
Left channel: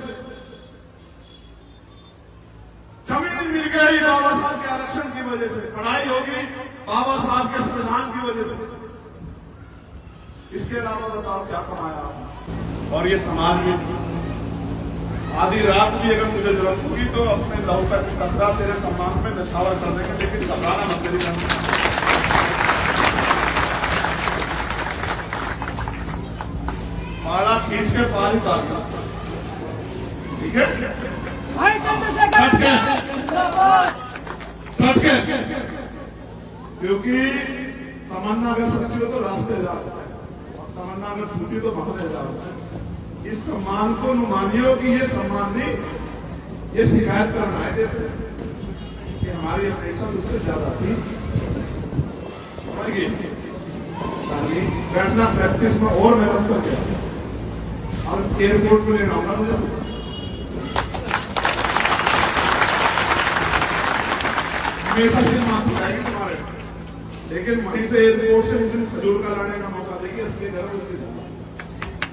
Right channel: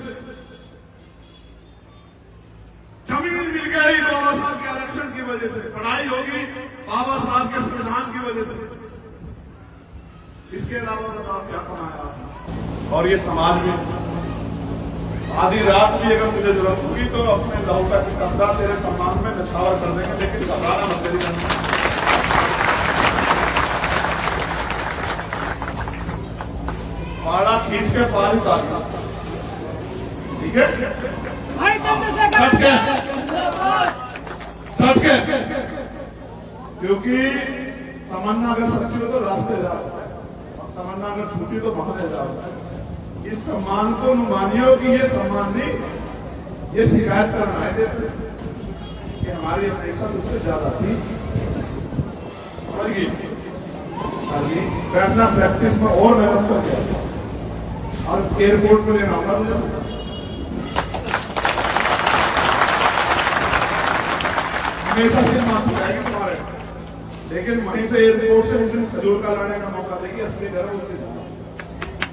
जमीन मिल गई बाबा साहब के आरक्षण की वजह से, पढ़ाई होगी बाबा साहब के संविधान की वजह से। इसके अलावा बताओ क्या कमाया आपने? और ये समाज में आधी रात भी अगर मुझे जरूरत होगी तो अपने लहू का कपड़ा तेरे सम्मान में नछावर कर देंगे, लेकिन घबराना मत तेरी जान। पाला खींच के पार ही उतार, ठीक है भाई चंद्रशेखर डट के, क्योंकि तमन्ना अगर सच्ची हो तो रास्ते जा रहा है, और तमन्ना अगर झूठी तो बाहर जा रहा है। इस सम्मान को मानियो कि ये सम्मान नहीं, ये शिकायत करना है देते कि हमारी अपेक्षा उससे ज्यादा थी। बैठना प्रैक्टिस में और मेहनत कर गया, और एयरपोर्ट में लेना होगा मुझे। हमेशा से माफ जाएगी तुम्हारे, लेकिन वहीं से एयरपोर्ट से उस दिन खजूर का लाने का मौका देगी, असली गर्व उसकी।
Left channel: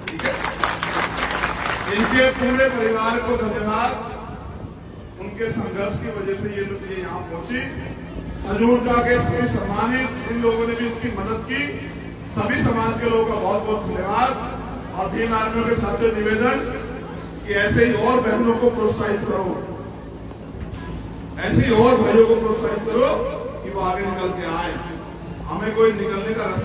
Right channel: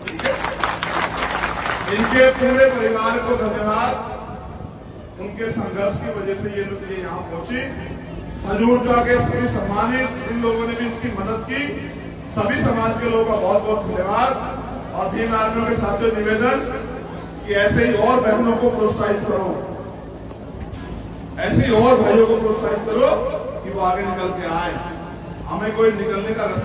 ठीक है, इनके पूरे परिवार को धन्यवाद। उनके संघर्ष की वजह से ये लोग यहाँ पहुंची। हजूर जाके सभी सम्मानित, इन लोगों ने भी इसकी मदद की। सभी समाज के लोगों का बहुत बहुत धन्यवाद। और भीम आर्मियों के साथ निवेदन कि ऐसे ही और बहनों को प्रोत्साहित करो, ऐसे ही और भाइयों को प्रोत्साहित करो कि वो आगे निकल के आए। हमें कोई निकलने का रास्ता